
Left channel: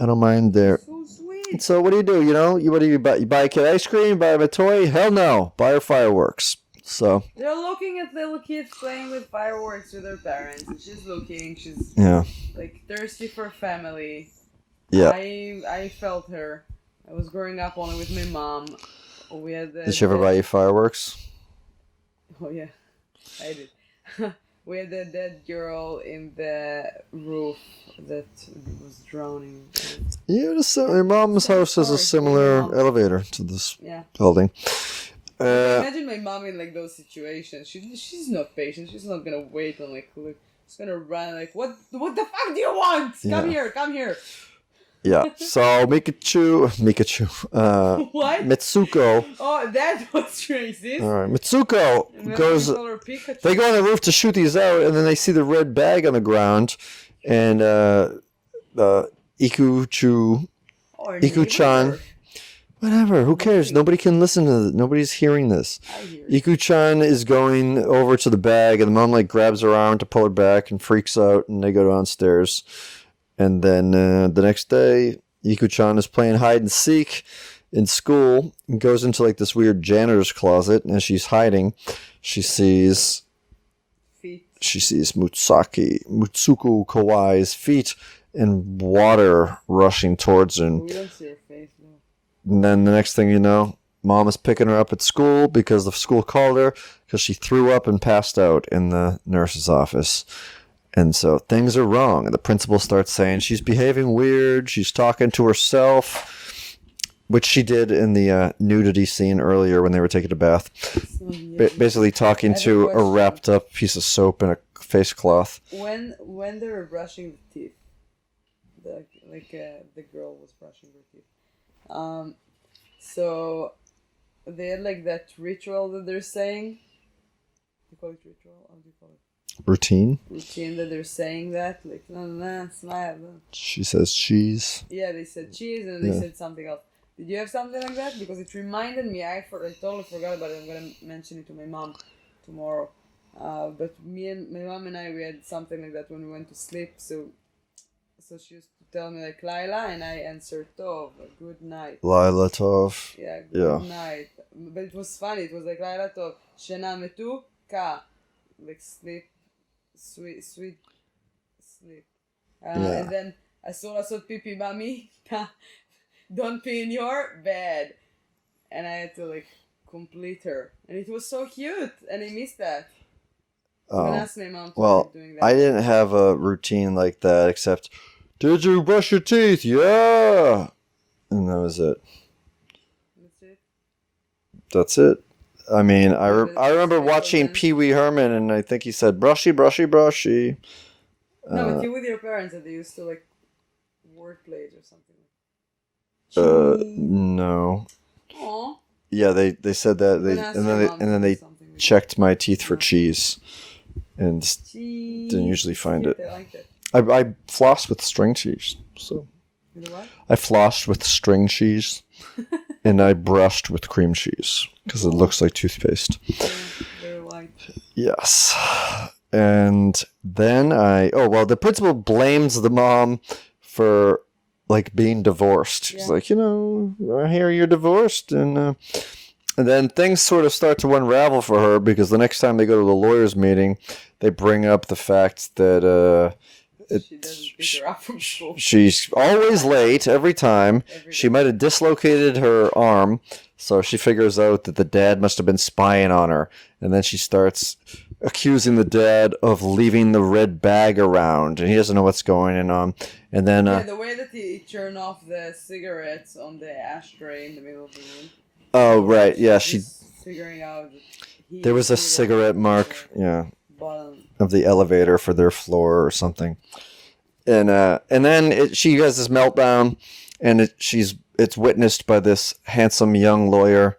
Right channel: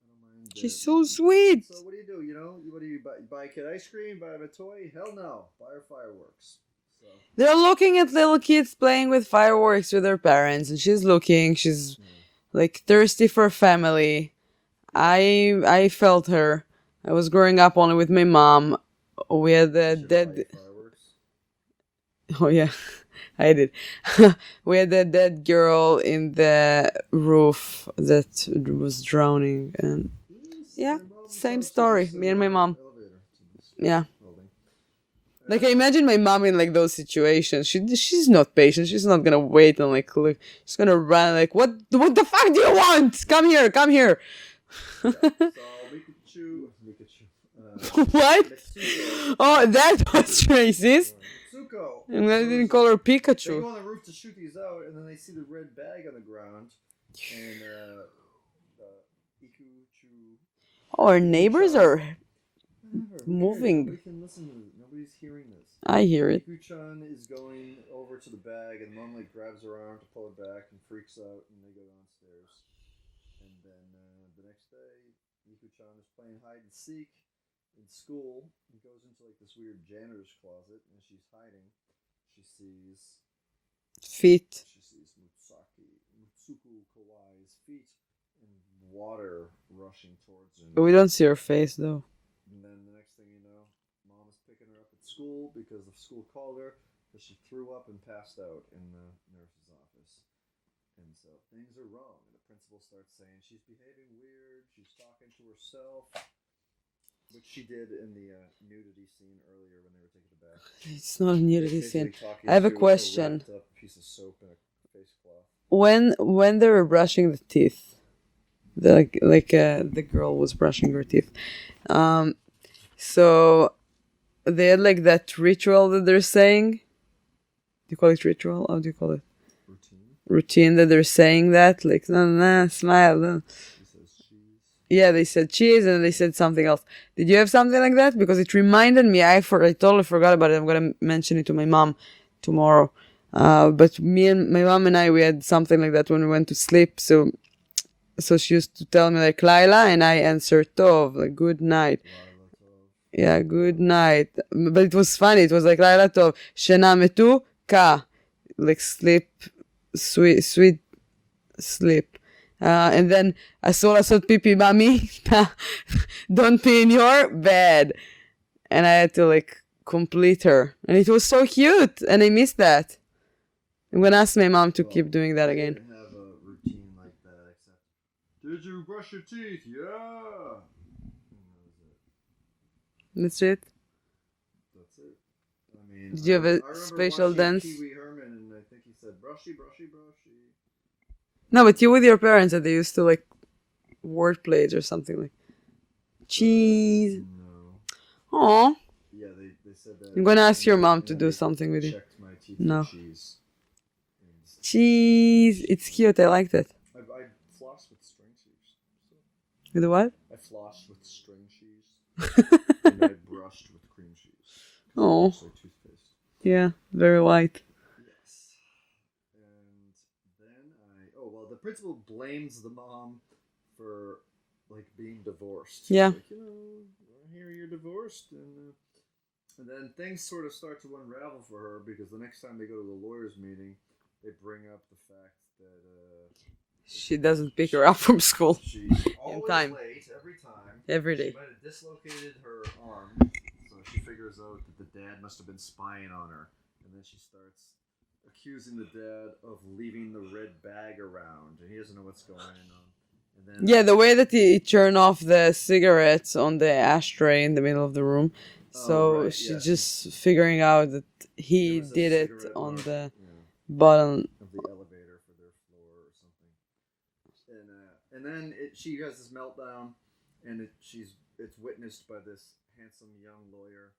I don't mind there." So sweet. So what do? You know, what do you buy? You buy a kid ice cream? Buy him a toy? Hell no! Buy her fireworks. So They're looking at little kids playing with fireworks with their parents, and she's looking. She's like thirsty for family. Yeah. I felt her. I was growing up only with my mom. We had the. Did she ever buy you fireworks? Oh yeah, I did. We had that dead girl in the roof that was drowning. And Your mom's same house has a story. Me and my similar mom. elevator to this yeah. building. Like, I imagine my mom in like those situations. She's not patient. She's not gonna wait and like look. She's gonna run like, what the fuck do you want? Come here. Yeah. So Mikachu, What? Mitsuko. Oh, that was racist. All right, Mitsuko And then goes. we call her Pikachu. They go on the roof to shoot these out, and then they see the red bag on the ground, and Ikuchu. Oh, our neighbors Iko-chan. are. Whatever. Who cares? Moving. Nobody can listen to this. Nobody's hearing this. I hear it. Iko-chan is going over to the bag, and the mom like grabs her arm to pull her back and freaks out, and they go downstairs. And then the next day, Iko-chan is playing hide and seek in school and goes into like this weird janitor's closet. And as she's hiding, she sees feet. She sees Mutsuko Kawai's feet and water rushing towards her. But we don't see her face though. And then the next thing you know, Mom is picking her up at school because the school called her because she threw up and passed out in the nurse's office. And so things are wrong. And the principal starts saying she's behaving weird. She's talking to herself, which she did in the nudity scene earlier when they were taking a bath. It's not nudity. Basically talking to a wrapped up piece of soap and a face cloth. When they were brushing the teeth, the girl was brushing her teeth. So they had like that ritual that they're saying. Do you call it ritual? How do you call it? Routine that they're saying that, like, no, smile. No. She says cheese. Yeah, they said cheese and they said something else. Did you have something like that? Because it reminded me, I totally forgot about it. I'm going to mention it to my mom tomorrow. But my mom and I, we had something like that when we went to sleep. So she used to tell me like Laila, and I answered Tov, like good night. Laila Tov. Yeah, good night. But it was funny. It was like Laila Tov, Shena Metu Ka. Like sleep, sweet sleep. And then Asura said, Pipi, mommy, don't pee in your bed. And I had to like complete her. And it was so cute. And I missed that. I'm going to ask my mom to keep doing that. I didn't have a routine like that except, did you brush your teeth? Yeah. And that was it. That's it? That's it. I mean, I remember watching Pee Wee Herman, and I think he said, brushy, brushy, brushy. No, but you with your parents, that they used to like word plays or something like cheese. No. Aw. Yeah, they said that. I'm going to ask your mom to do something with you. Checked my teeth for cheese. And cheese. It's cute. I liked it. I flossed with string cheese. So. With what? I flossed with string cheese. And I brushed with cream cheese because it looks like toothpaste. Yeah, very white. Yes. And then the principal blames the mom for like being divorced. Yeah. She's like, I hear you're divorced. And then things sort of start to unravel for her because the next time they go to the lawyer's meeting, they bring up the fact that she doesn't pick her up from school. She's always late every time. Every day. She might have dislocated her arm, so she figures out that the dad must have been spying on her. And then she starts accusing the dad of leaving the red bag around, and he doesn't know what's going on. And then the way that he turned off the cigarettes on the ashtray in the middle of the room. Oh, so right, yeah, she's figuring out that there was a cigarette mark, bottom of the elevator for their floor or something. And then she has this meltdown, and it's witnessed by this handsome young lawyer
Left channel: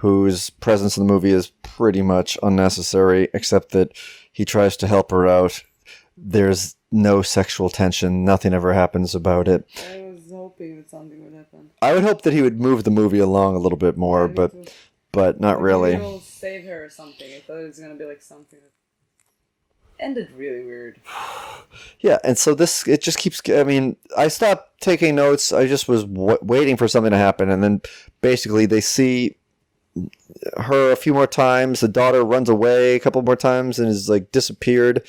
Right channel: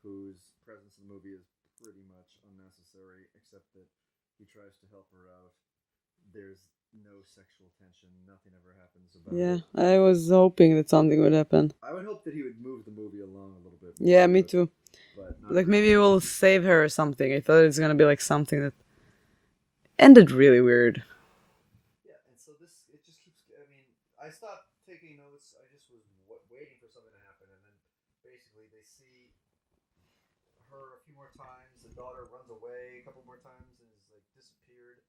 whose presence in the movie is pretty much unnecessary, except that he tries to help her out. There's no sexual tension. Nothing ever happens about it. I was hoping that something would happen. I would hope that he would move the movie along a little bit more. Yeah, me too. But not like really. Maybe it will save her or something. I thought it was going to be like something that ended really weird. Yeah, and so it just keeps... I mean, I stopped taking notes. I just was waiting for something to happen. And then basically they see her a few more times. The daughter runs away a couple more times and is like disappeared.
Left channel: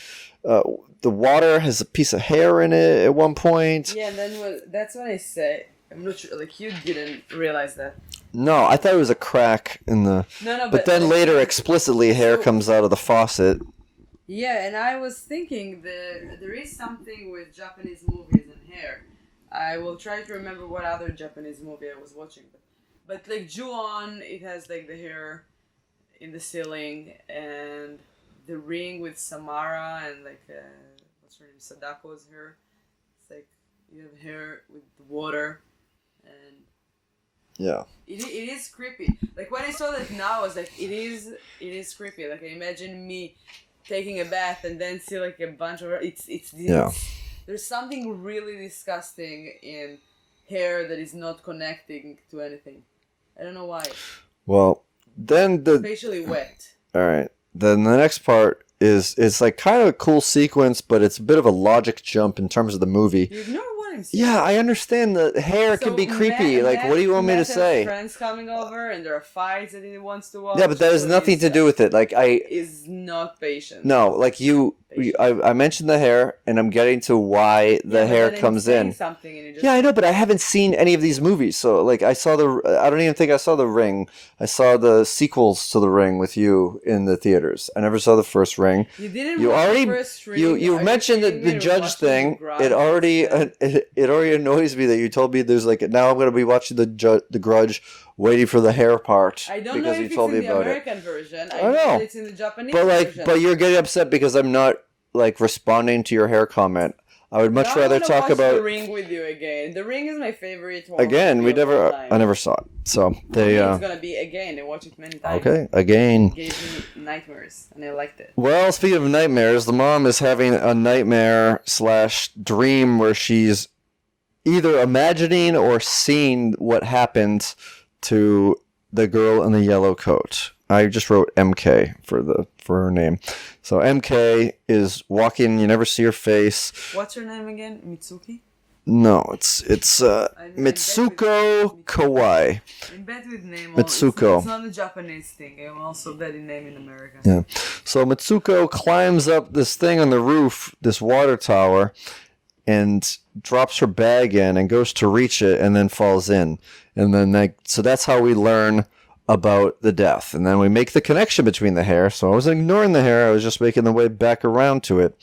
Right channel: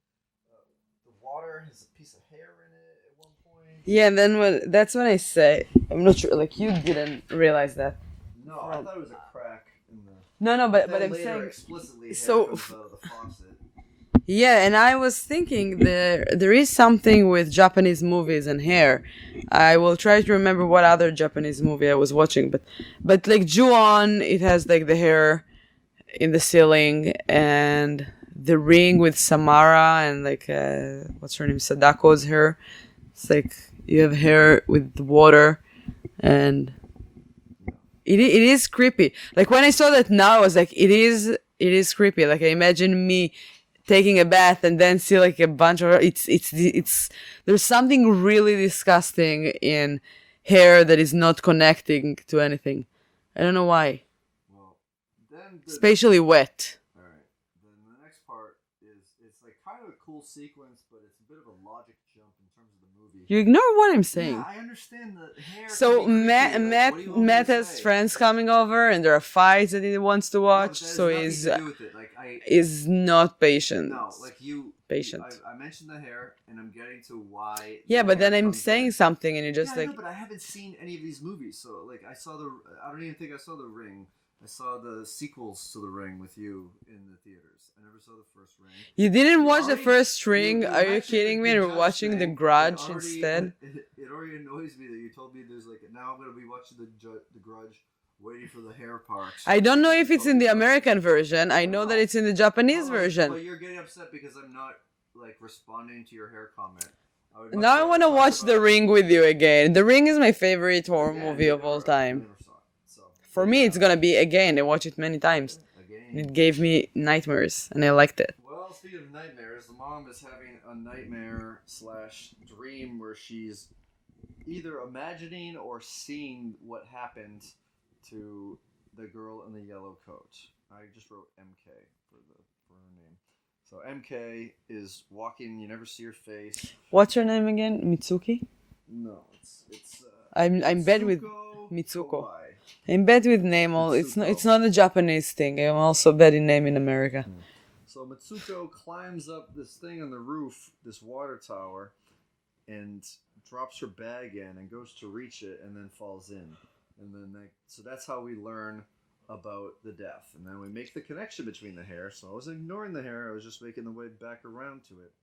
The water has a piece of hair in it at one point. Yeah, and then that's when I say, I'm not sure, like you didn't realize that. No, I thought it was a crack in the... No, but then later explicitly hair comes out of the faucet. Yeah, and I was thinking there is something with Japanese movies and hair. I will try to remember what other Japanese movie I was watching, but like Ju-on, it has like the hair in the ceiling, and The Ring with Samara and like what's her name, Sadako's hair. It's like you have hair with water, and yeah, it is creepy. Like when I saw that now, I was like, it is creepy. Like I imagine me taking a bath and then see like a bunch of it's there's something really disgusting in hair that is not connecting to anything. I don't know why. Well, then especially wet. All right. Then the next part is like kind of a cool sequence, but it's a bit of a logic jump in terms of the movie. You ignore what I'm saying. Yeah, I understand the hair can be creepy. Like, what do you want me to Matt has say? friends coming over, and there are fights that he wants to watch. Yeah, but that has nothing to do with it. Like, is not patient. No, like I mentioned the hair, and I'm getting to why the hair comes in. Yeah, but then I'm saying something, and you just I know, but I haven't seen any of these movies, so like I don't even think I saw The Ring. I saw the sequels to The Ring with you in the theaters. I never saw the first Ring. You didn't watch the first Ring. You mentioned the judge thing. It already annoys me that you told me there's like now I'm going to be watching the Grudge, waiting for the hair part. I don't know if it's in the American version. I know that it's in the Japanese version. But you're getting upset because I'm not like responding to your hair comment. I would much rather talk about. I want to watch The Ring with you again. The Ring is my favorite horror movie of all time. I never saw it. So for me, it's gonna be again. I watched it many times. Okay, again. It gave me nightmares, and I liked it. Well, speaking of nightmares, the mom is having a nightmare / dream where she's either imagining or seeing what happened to the girl in the yellow coat. I just wrote MK for her name. So MK is walking. You never see her face. What's her name again? Mitsuki? No, it's Mitsuko Kawai. I'm bad with name. Mitsuko. It's not a Japanese thing. I'm also bad in name in America. Yeah. So Mitsuko climbs up this thing on the roof, this water tower, and drops her bag in and goes to reach it and then falls in. And then so that's how we learn about the death. And then we make the connection between the hair. So I wasn't ignoring the hair. I was just making the way back around to it.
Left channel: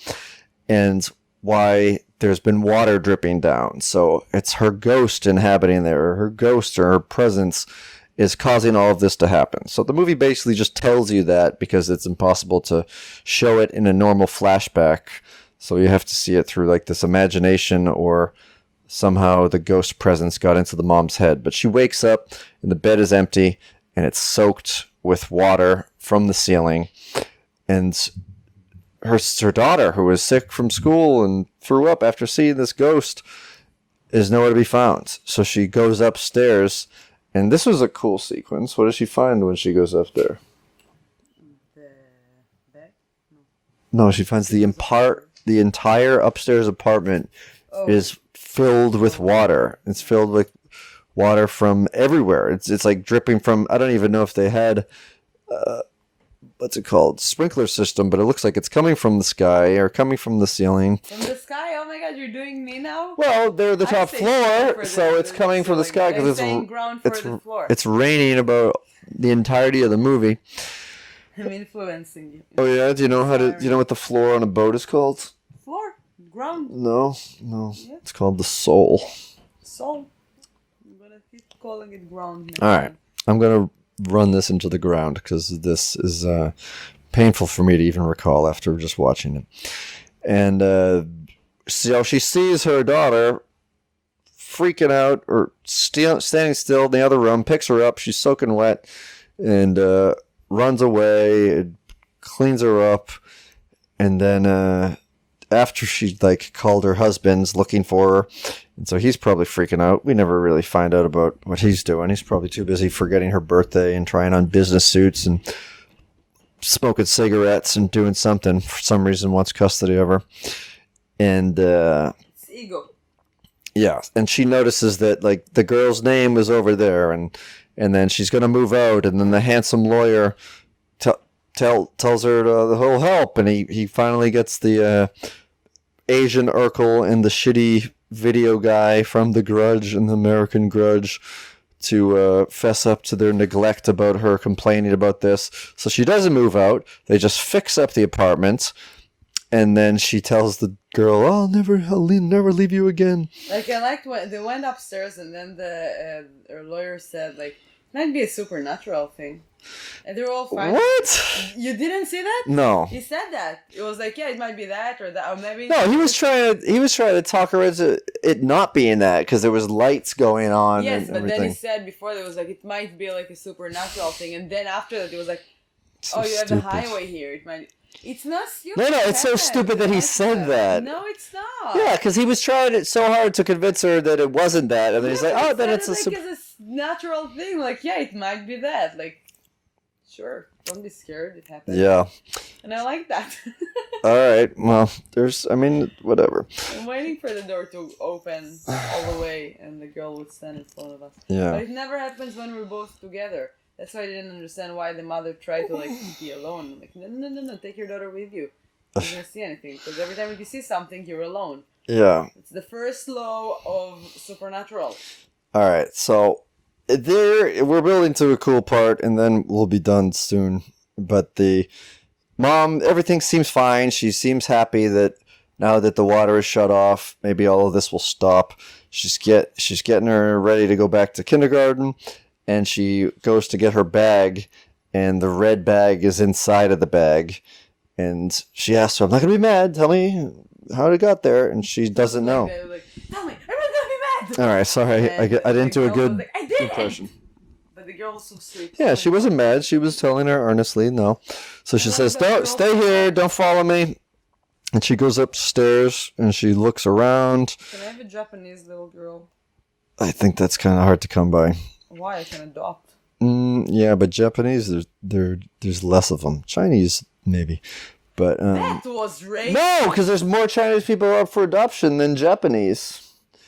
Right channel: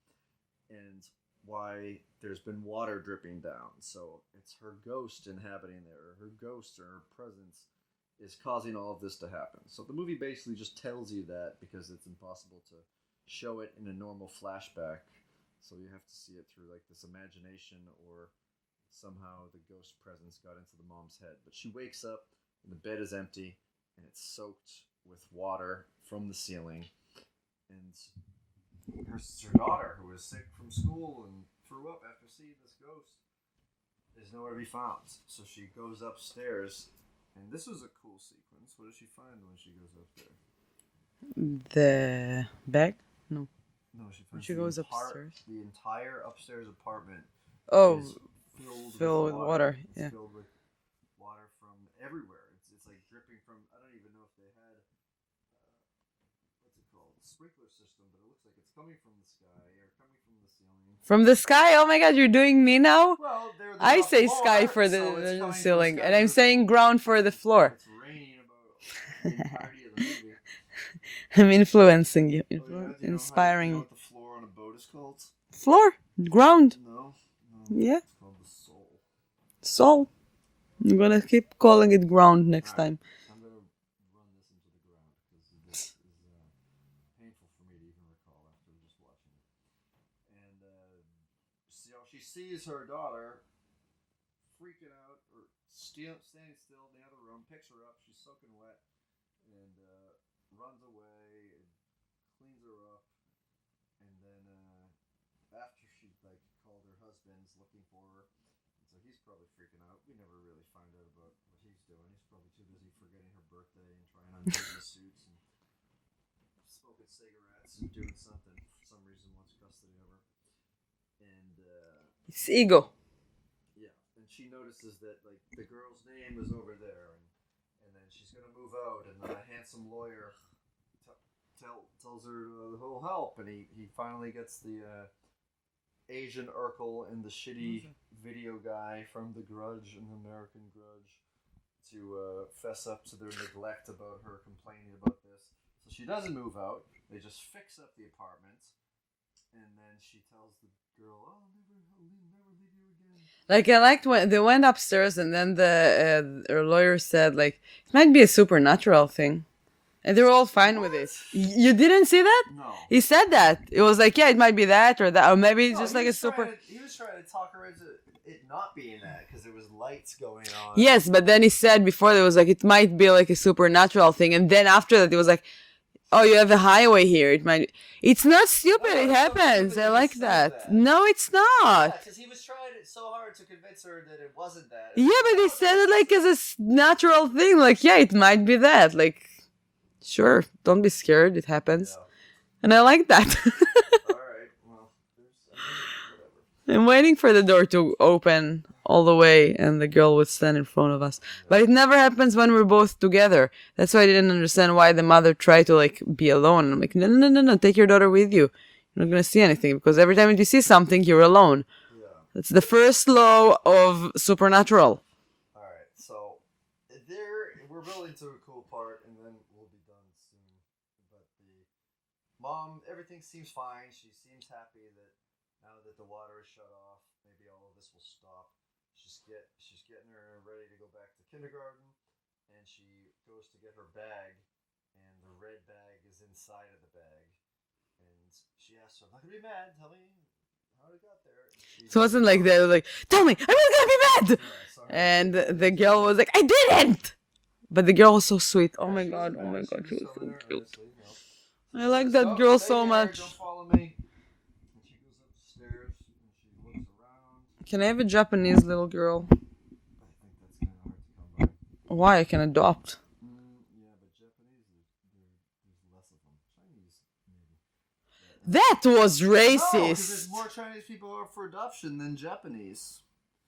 And why there's been water dripping down. So it's her ghost inhabiting there. Or her ghost or her presence is causing all of this to happen. So the movie basically just tells you that because it's impossible to show it in a normal flashback. So you have to see it through like this imagination or somehow the ghost presence got into the mom's head. But she wakes up and the bed is empty and it's soaked with water from the ceiling. And her daughter, who was sick from school and threw up after seeing this ghost, is nowhere to be found. So she goes upstairs, and this was a cool sequence. What does she find when she goes up there? The bag? No, she finds the entire upstairs apartment is filled with water. It's filled with water from everywhere. It's like dripping from. I don't even know if they had what's it called, sprinkler system, but it looks like it's coming from the sky or coming from the ceiling. From the sky? Oh my God, you're doing me now? Well, they're the top floor, so it's coming from the sky. And I'm saying ground for the floor. It's raining about the entirety of the movie. I'm influencing you. Oh yeah, do you know what the floor on a boat is called? Floor, ground. No. Yeah, it's called the soul. Soul. I'm gonna keep calling it ground next time. I'm gonna run this into the ground because this is painful for me to even recall after just watching it. And so she sees her daughter freaking out or standing still in the other room, picks her up. She's soaking wet and runs away, cleans her up. And then after she called her husband's looking for her, and so he's probably freaking out. We never really find out about what he's doing. He's probably too busy forgetting her birthday and trying on business suits and smoking cigarettes and doing something. For some reason wants custody of her. And it's ego. Yeah, and she notices that the girl's name is over there, and then she's gonna move out, and then the handsome lawyer tells her he'll help, and he finally gets the Asian Urkel and the shitty video guy from The Grudge and the American Grudge to fess up to their neglect about her complaining about this. So she doesn't move out. They just fix up the apartment, and then she tells the girl, I'll never leave you again. I liked when they went upstairs, and then her lawyer said it might be a supernatural thing. And they were all fine with it. You didn't see that? No. He said that. It was it might be that or that, or maybe. No, he was trying to talk her into it not being that because there was lights going on. Yes, but then he said before there was it might be a supernatural thing, and then after that it was oh, you have a highway here. It might. It's not stupid. No, it's so stupid that he said that. No, it's not. Yeah, because he was trying so hard to convince her that it wasn't that. And yeah, but he said it as a natural thing. Yeah, it might be that. Sure, don't be scared. It happens. Yeah. And I like that. All right. Well, whatever. I'm waiting for the door to open all the way and the girl would stand in front of us. Yeah. But it never happens when we're both together. That's why I didn't understand why the mother tried to be alone. I'm like, no, take your daughter with you. You're not going to see anything because every time you see something, you're alone. Yeah. That's the first law of Supernatural. All right. So we're building to a cool part and then we'll be done soon. But the mom, everything seems fine. She seems happy that now that the water is shut off, maybe all of this will stop. She's getting her ready to go back to kindergarten, and she goes to get her bag, and the red bag is inside of the bag. And she asks her, "I'm not gonna be mad. Tell me how it got there." And she doesn't know. Like that. Like, tell me, I'm not gonna be mad. All right, sorry, I didn't do a good. The girl was like, I didn't. But the girl was so sweet. Yeah, she wasn't mad. She was telling her earnestly, no. So she says, "Don't stay here. Don't follow me." And she goes upstairs and she looks around. Can I have a Japanese little girl? I think that's kind of hard to come by. Why? I can adopt. Yeah, but Japanese, there's less of them. Chinese, maybe. But that was racist. No, because there's more Chinese people up for adoption than Japanese.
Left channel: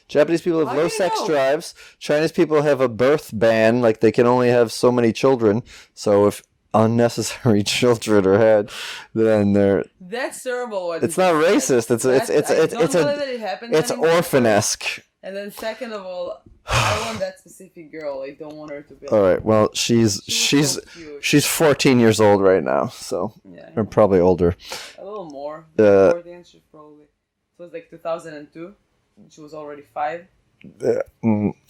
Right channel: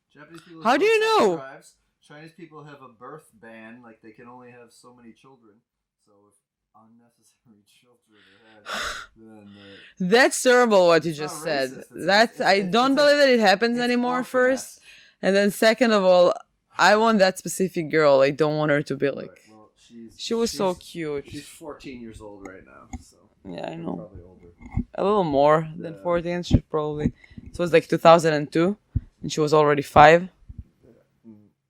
Japanese people have low sex drives. Chinese people have a birth ban, like they can only have so many children. So if unnecessary children are had, then they're... That's terrible what it's not racist. I don't believe that it happens anymore. It's orphanesque. And then second of all, I want that specific girl. I don't want her to be like... All right, well, she's so cute. She's 14 years old right now, so... Yeah, or probably older. A little more. 14, she probably... So it was like 2002, and she was already 5.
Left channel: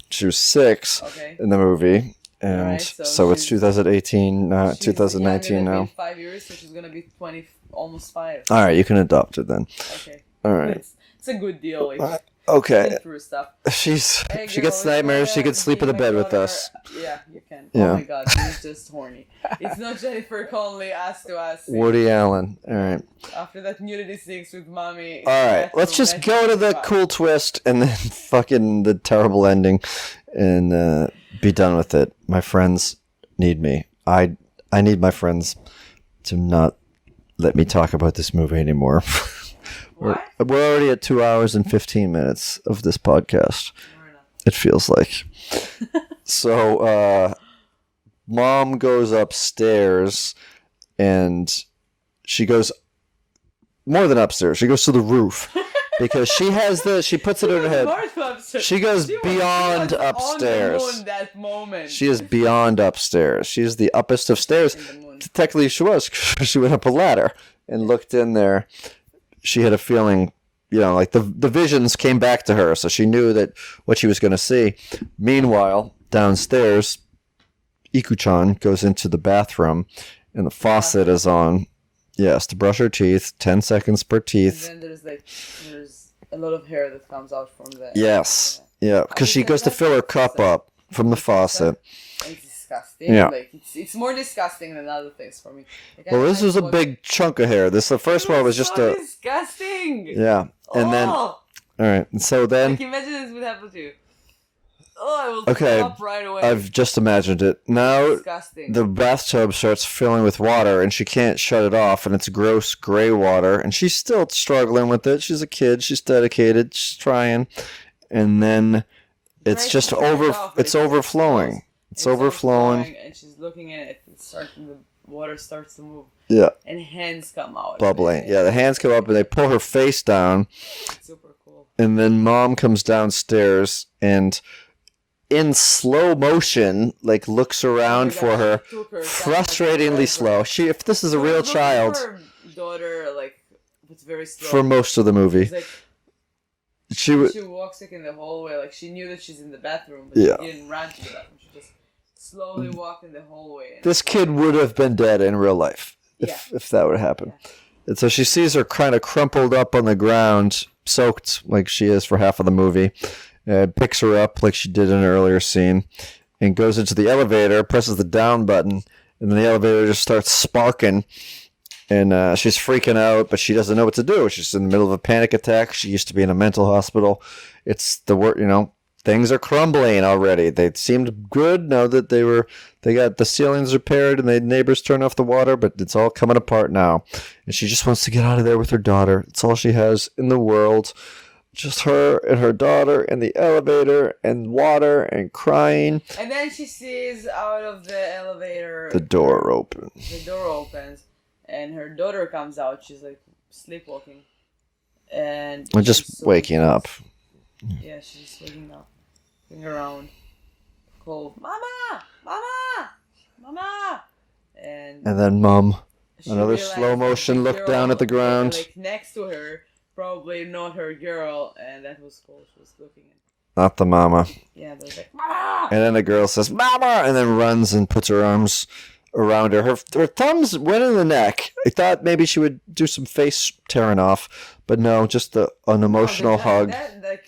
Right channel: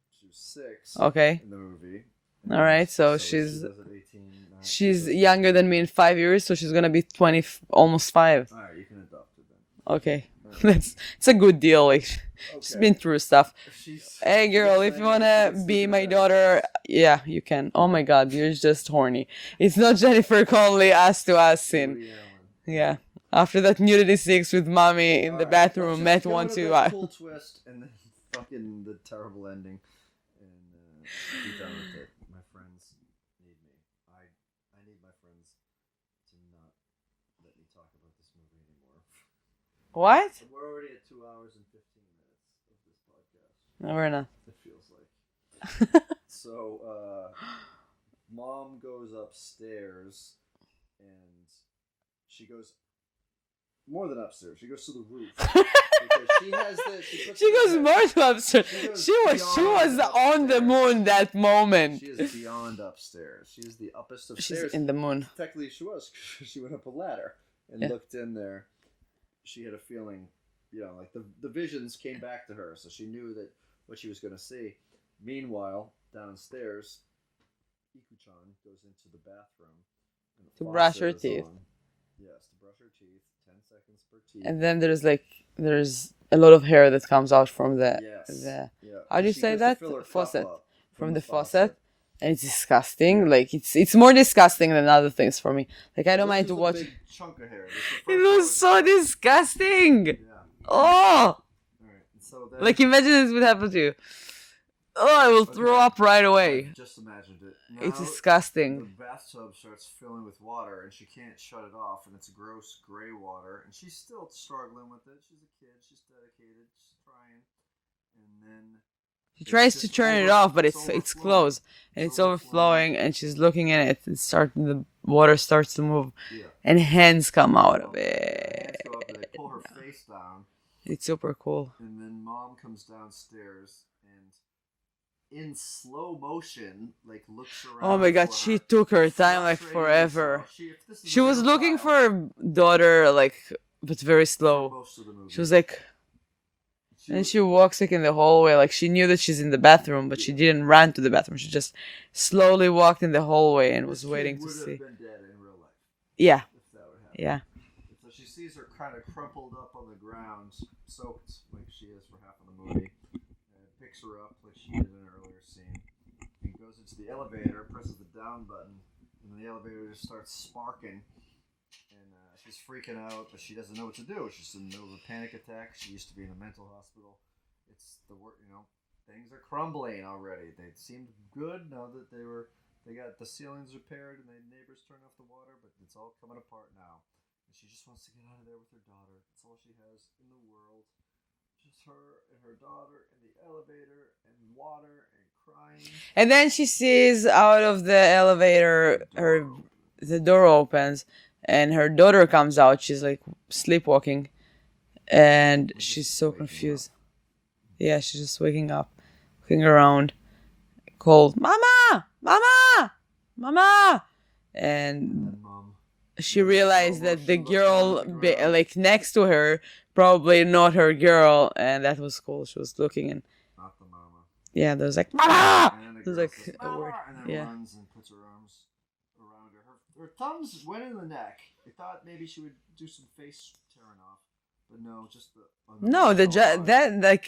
She was 6 in the movie. And all right, so it's 2018. She's younger than now. me in 5 years, so she's gonna be 20, almost 5. All right, you can adopt it then. Okay. All right. It's a good deal. Like, okay. She's been through stuff. She girl, gets nightmares. She could sleep in the bed with us. Yeah, you can. Yeah. Oh my God, you're just horny. It's not Jennifer Connelly ass to ass. Woody Allen. Yeah. Right. After that nudity 6 with mommy in the right. bathroom. Let's just go to the cool twist and then fucking the terrible ending, and be done with it. My friends need me. I need my friends to not let me talk about this movie anymore. What? We're already at 2 hours and 15 minutes of this podcast. No, we're not. It feels like. So, mom goes upstairs, and she goes more than upstairs. She goes to the roof. Because she puts it in her head. She goes beyond upstairs. On the moon that moment. She is beyond upstairs. She is the uppest of stairs. In the moon. Technically, she was. She went up a ladder and looked in there. She had a feeling, like the visions came back to her, so she knew that what she was going to see. Meanwhile, downstairs, Iku-chan goes into the bathroom, and the faucet is on. Yes, to brush her teeth, 10 seconds per teeth. And then there's a lot of hair that comes out from the... Yes, yeah, because she goes to fill her cup up from the faucet. It's disgusting. Yeah. Like, it's more disgusting than other things for me. Like, I don't this is a big chunk of hair. The first one was just so disgusting. Yeah. And then, all right, and so then... Like, imagine this would happen to you. Oh, I will throw up right away. I've just imagined it. Now it's disgusting. The bathtub starts filling with water, and she can't shut it off, and it's gross gray water, and she's still struggling with it. She's a kid. She's dedicated. She's trying. And then it's just it's overflowing. It's overflowing, and she's looking at it. The water starts to move. Yeah. And hands come out. Bubbling. Yeah, the hands come up, and they pull her face down. It's super cool. And then mom comes downstairs, and... in slow motion, looks around for her. She took her time, frustratingly slow. If this is a real child, she was looking for her daughter, but very slow for most of the movie. She was like, she walks in the hallway, she knew that she's in the bathroom, but she didn't run to the bathroom. She just slowly walked in the hallway. And this kid would have been dead in real life. If that would happen. Yeah. And so she sees her kind of crumpled up on the ground, soaked like she is for half of the movie. Picks her up like she did in an earlier scene, and goes into the elevator, presses the down button, and then the elevator just starts sparking, and she's freaking out, but she doesn't know what to do. She's in the middle of a panic attack. She used to be in a mental hospital. It's the word, things are crumbling already. They seemed good now that they got the ceilings repaired and the neighbors turned off the water, but it's all coming apart now. And she just wants to get out of there with her daughter. It's all she has in the world. Just her and her daughter and the elevator and water and crying. And then she sees out of the elevator. The door opens. The door opens and her daughter comes out. She's like sleepwalking. And We're she's just so waking confused. up. Yeah, she's just waking up. Looking around. Called, Mama! Mama! Mama! And then Mom. she realized that the girl down at the ground. like next to her, probably not her girl, and that was cool. She was looking and Not the mama. yeah, there's like Mama, and then the girl says Mama, and then runs and puts her arms around her. Her thumbs went in the neck. I thought maybe she would do some face tearing off, but no, just an emotional hug.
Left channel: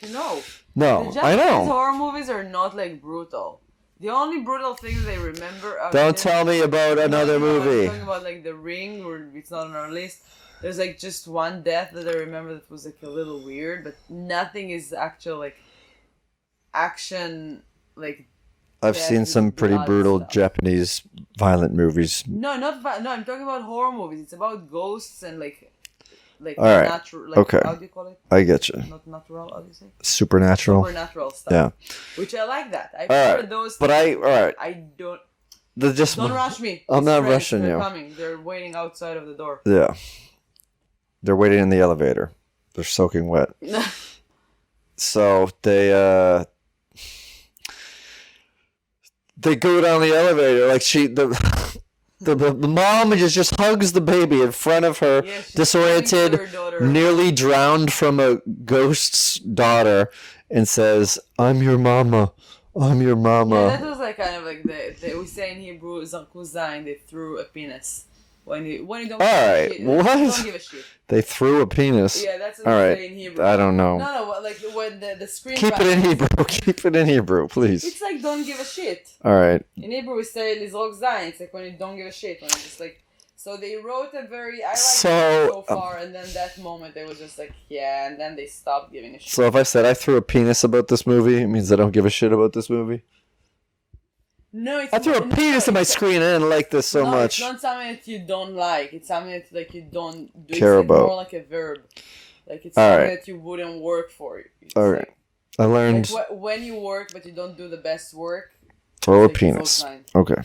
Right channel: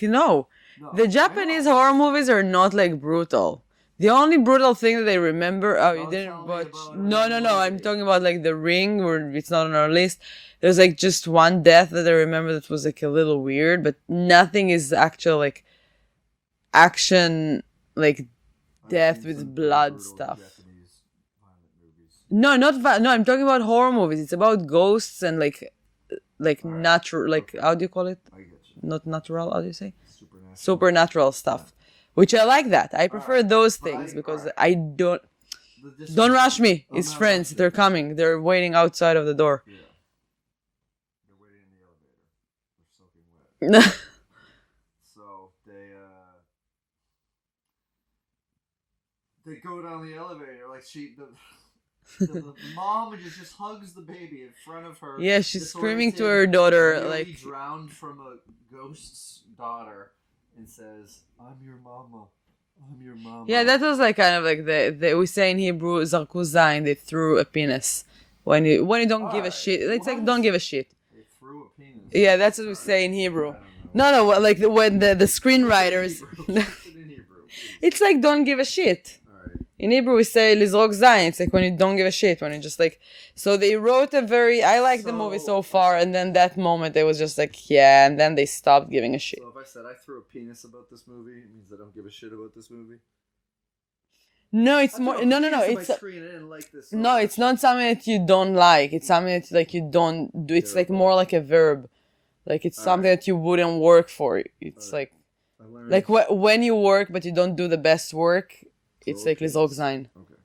No, No, the Japanese I know. horror movies are not like brutal. The only brutal thing that they remember. Don't tell me about another No. movie. I'm talking about like The Ring, where it's not on our list. There's like just one death that I remember that was like a little weird, but nothing is actual like action like. I've death seen with some pretty blood brutal stuff. Japanese violent movies. No, no. I'm talking about horror movies. It's about ghosts and like All right. natural. Like Okay. how do you call it? I get you. Not natural. How do you say? Supernatural. Supernatural stuff. Yeah. Which I like that. I prefer right. those But things. all right. I don't. Just Don't rush me. I'm His not friends, rushing they're you. coming. They're waiting outside of the door. Yeah. They're waiting in the elevator. They're soaking wet. So they go down the elevator like the mom just hugs the baby in front of her. Yeah, she's screaming to her disoriented, daughter, nearly drowned from a ghost's daughter, and says, "I'm your mama. I'm your mama." Yeah, that was like kind of like we say in Hebrew, "Zarku zayin," they threw a penis. When you don't give a shit, they just What? don't give a shit. They threw a penis. Yeah, that's what we All right. say in Hebrew. I don't know. No, like when the Keep it in screenwriters. Hebrew. Keep it in Hebrew, please. It's like don't give a shit. All right. In Hebrew, we say lizrok zayin. It's like when you don't give a shit, when you just like. So they wrote a very. I like the movie so far, and then that moment they was just like, yeah, and then they stopped giving a shit. So if I said I threw a penis about this movie, it means I don't give a shit about this movie? No, it's I threw a penis on my screen. I didn't like this so much. No, it's not something that you don't like. It's something that like you don't do. It's Care like about. more like a verb. Like it's All something right. that you wouldn't work for. It's All right. like I learned. when you work but you don't do the best work. Throw a it's like penis. Zogzine. Okay.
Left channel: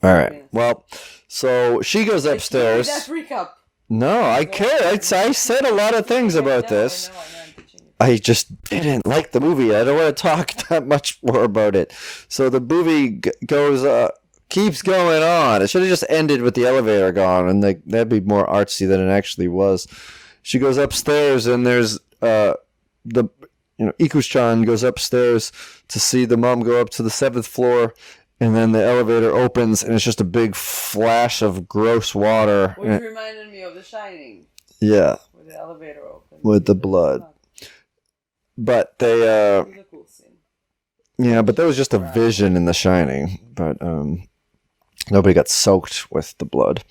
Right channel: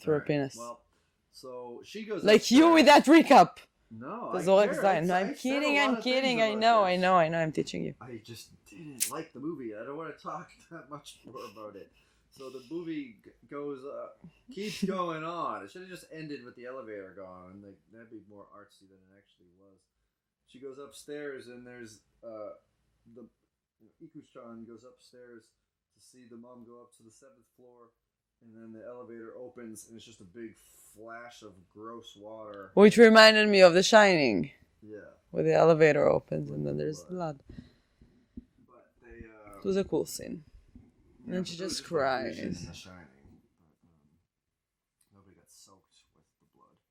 Throw All a right. penis. Well, so she goes Like upstairs. you with that recap. No, I can't. I said a lot of things about this. I know. I'm teaching you. I just didn't like the movie. I don't want to talk that much more about it. So the movie keeps going on. It should have just ended with the elevator gone, and that'd be more artsy than it actually was. She goes upstairs, and there's Iku's-chan goes upstairs to see the mom go up to the 7th floor, and then the elevator opens, and it's just a big flash of gross water. Which reminded me of The Shining. Yeah. Where the elevator opens. With the There's blood. But they It was a cool scene. yeah, but that was just a Right. vision in The Shining. But nobody got soaked with the blood.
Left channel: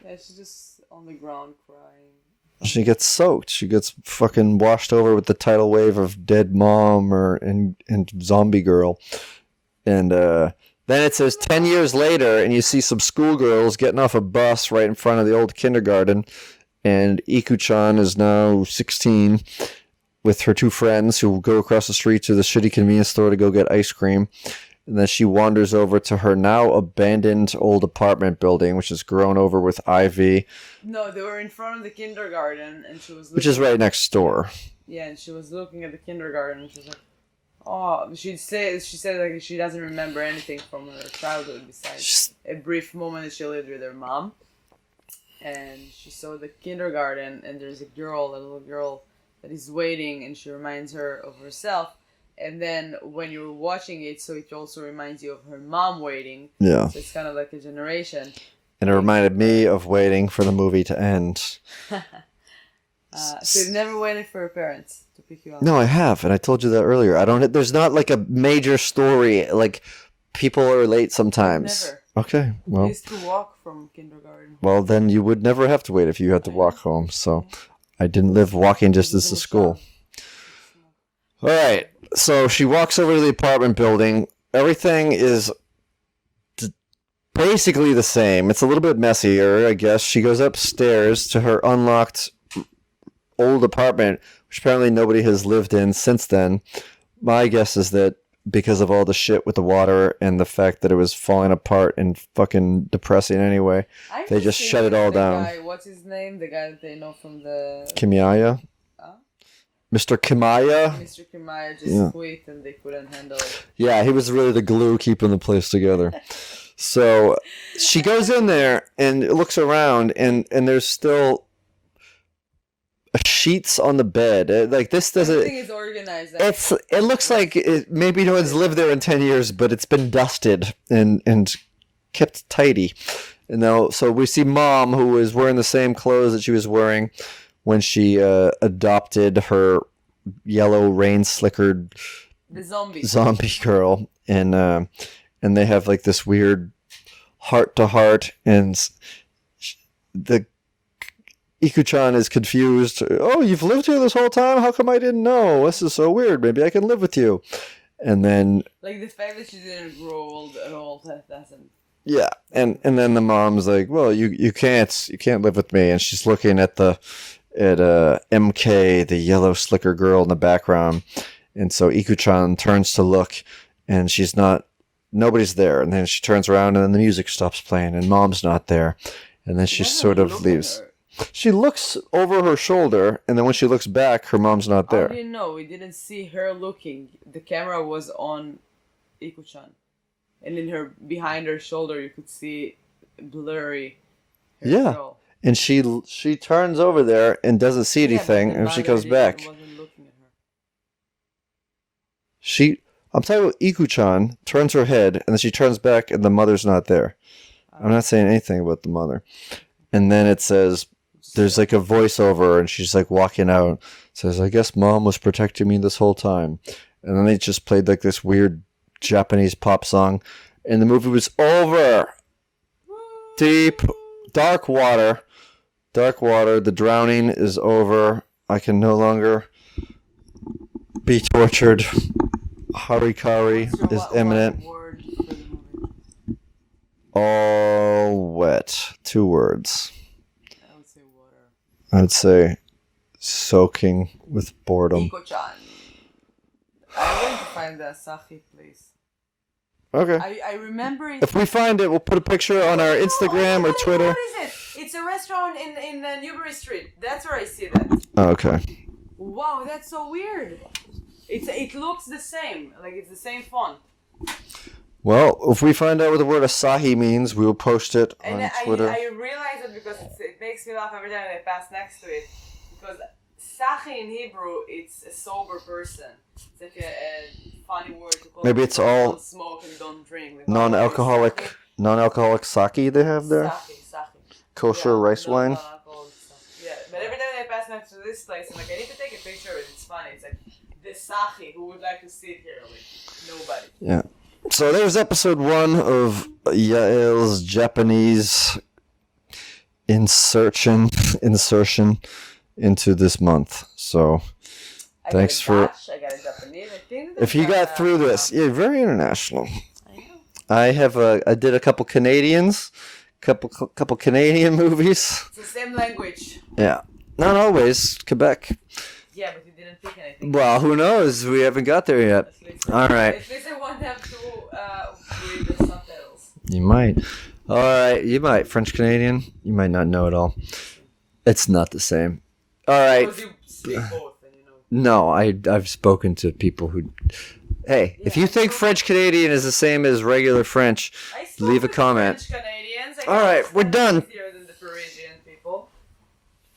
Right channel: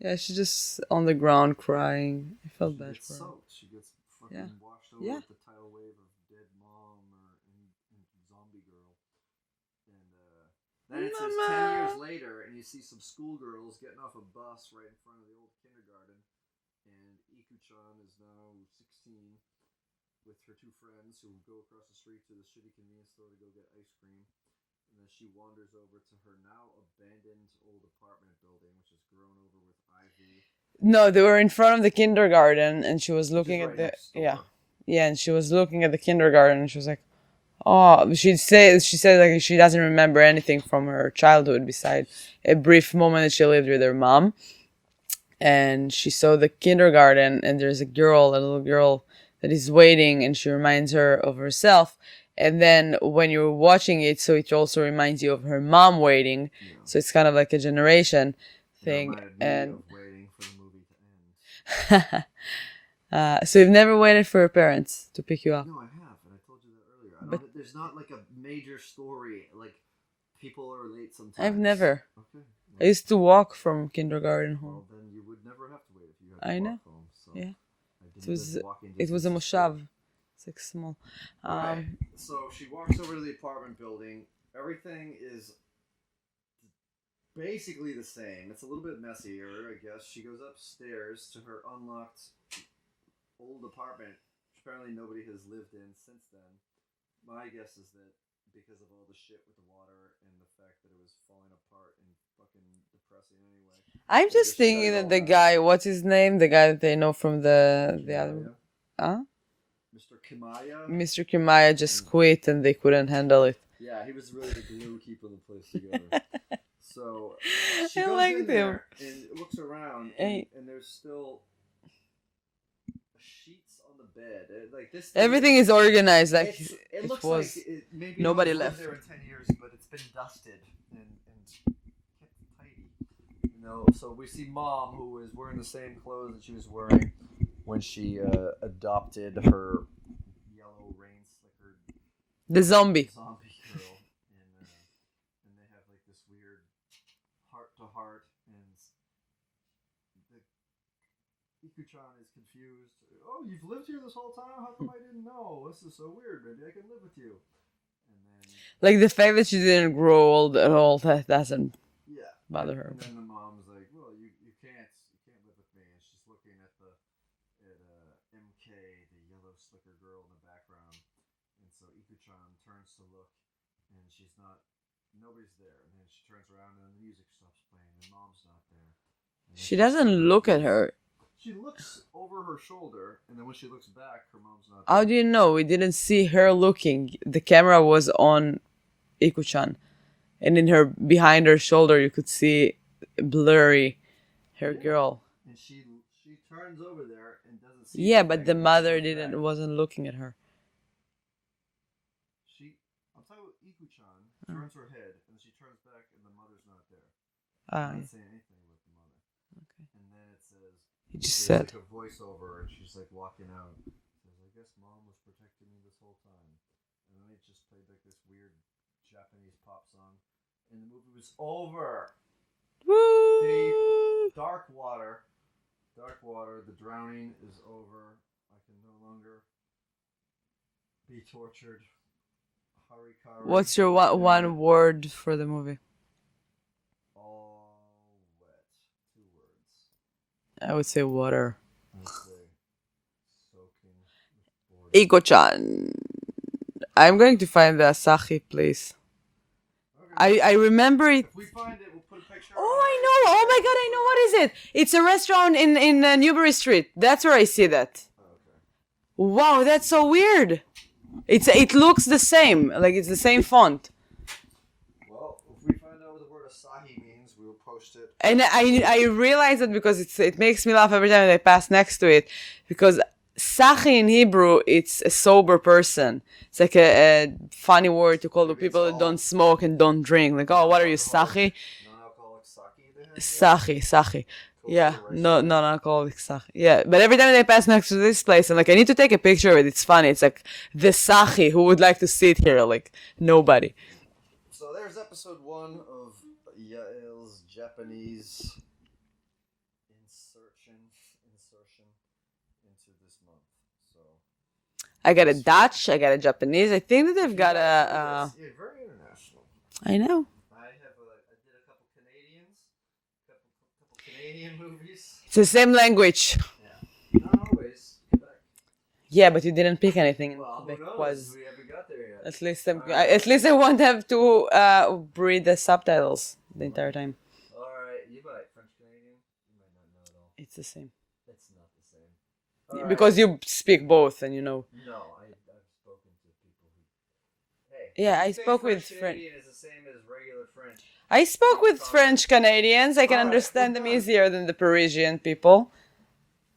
Yeah, she's just on the ground crying. I felt She bad gets for her. soaked. She gets fucking washed over with the tidal wave of dead mom and zombie girl. And then it says 10 years later, and you see some schoolgirls getting off a bus right in front of the old kindergarten. And Iku-chan is now 16 with her 2 friends who go across the street to the shitty convenience store to go get ice cream. And then she wanders over to her now abandoned old apartment building, which is grown over with ivy. No, they were in front of the kindergarten, and she was looking. Which is right at next door. Yeah, and she was looking at the kindergarten, and she was like, "Oh," she said like she doesn't remember anything from her childhood besides a brief moment that she lived with her mom. And she saw the kindergarten, and there's a little girl that is waiting, and she reminds her of herself. And then when you're watching it, so it also reminds you of her mom waiting. Yeah. So it's kind of like a generation. And it thing. reminded me of waiting for the movie to end. So you've never waited for your parents to pick you up? No, I have, and I told you that earlier. There's not like a major story. Like, people are late sometimes. I've never. Okay. I Well, used to walk from kindergarten. then you would never have to wait if you had to I walk know. home. So Yeah. I didn't It live was, walking it was distance a to school. moshab. It's like small. All right. So she walks over to the apartment building. Everything is basically the same. It's a little bit messier, I guess. She goes upstairs to her unlocked old apartment, which apparently nobody has lived in since then. My guess is that because of all the shit with the water and the fact that it was falling apart and fucking depressing anyway, I'm they just shut thinking it all of the down. guy, what's his name? The guy that they know from the... Kimaya? Huh? Mr. Kimaya? Mr. Kimaya just quit and they couldn't handle it. Yeah, he was really the glue keeping the place together. So she goes in there and looks around, and there's still sheets on the bed. Like this doesn't. Everything is organized. It looks like maybe no one's lived there in 10 years, but it's been dusted and kept tidy. And now, so we see Mom, who is wearing the same clothes that she was wearing when she adopted her yellow rain slickered the zombie girl, and they have like this weird heart to heart, and the Ikuchan is confused. Oh, you've lived here this whole time? How come I didn't know? This is so weird. Maybe I can live with you. And then, like, the fact that she didn't grow old at all, that doesn't. Yeah, and then the mom's like, well, you can't live with me, and she's looking at MK, the yellow slicker girl in the background, and so Ikuchan turns to look, and nobody's there, and then she turns around, and then the music stops playing, and Mom's not there, and then she sort of look leaves. at her. She looks over her shoulder, and then when she looks back, her mom's not there. How do you know? We didn't see her looking. The camera was on Ikuchan, and behind her shoulder, you could see blurry her girl. And she turns over there and doesn't see anything, but the and she goes back. Wasn't looking at her. I'm talking about Ikuchan turns her head, and then she turns back, and the mother's not there. I'm not saying anything about the mother. And then it says, there's like a voiceover, and she's like walking out. It says, I guess Mom was protecting me this whole time. And then they just played like this weird Japanese pop song, and the movie was over. Woo! Deep, dark water. The drowning is over. I can no longer be tortured. Harikari. What's your one word for the movie? All wet. 2 words. I would say water. I would say soaking with boredom. Iko-chan. I'm going to find the Asahi place. Okay. I remember it. If we find it, we'll put a picture on our Instagram or Twitter. What is it? It's a restaurant in Newbury Street. That's where I see that. Oh, okay. Wow, that's so weird. It looks the same. Like it's the same font. Well, if we find out what the word Asahi means, we will post it. And I realize it because it makes me laugh every time I pass next to it, because Sachi in Hebrew, it's a sober person. It's like a funny word to call people who don't smoke and don't drink. Like, oh, what are you, Sachi? Non-alcoholic sake they have there? Sachi. Kosher rice wine? No, non-alcoholic Sachi. Yeah, but every time I pass next to this place, I'm like, I need to take a picture of it. It's funny. It's like, the Sachi, who would like to sit here? Like, nobody. Yeah. So there's episode 1 of Yael's Japanese insertion into this month. So I got a Dutch, I got a Japanese. I think that if you got through this, you're very international. I know. I did a couple Canadians, couple Canadian movies. It's the same language. Yeah, not always Quebec. Yeah, but you didn't pick anything. Well, who knows? We haven't got there yet. At least, all right. At least I won't have to read the subtitles. You might. All right, you might. French Canadian, you might not know it all. It's not the same. All right. Because you speak both, and you know. No, I've spoken to people who. Hey, if you think French Canadian is the same as regular French, I spoke with French Canadians. I can understand it easier than the Parisian people.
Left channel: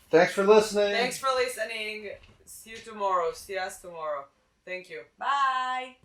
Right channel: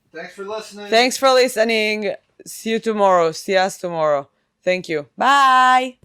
Thanks for listening. Thanks for listening. See you tomorrow. See us tomorrow. Thank you. Bye.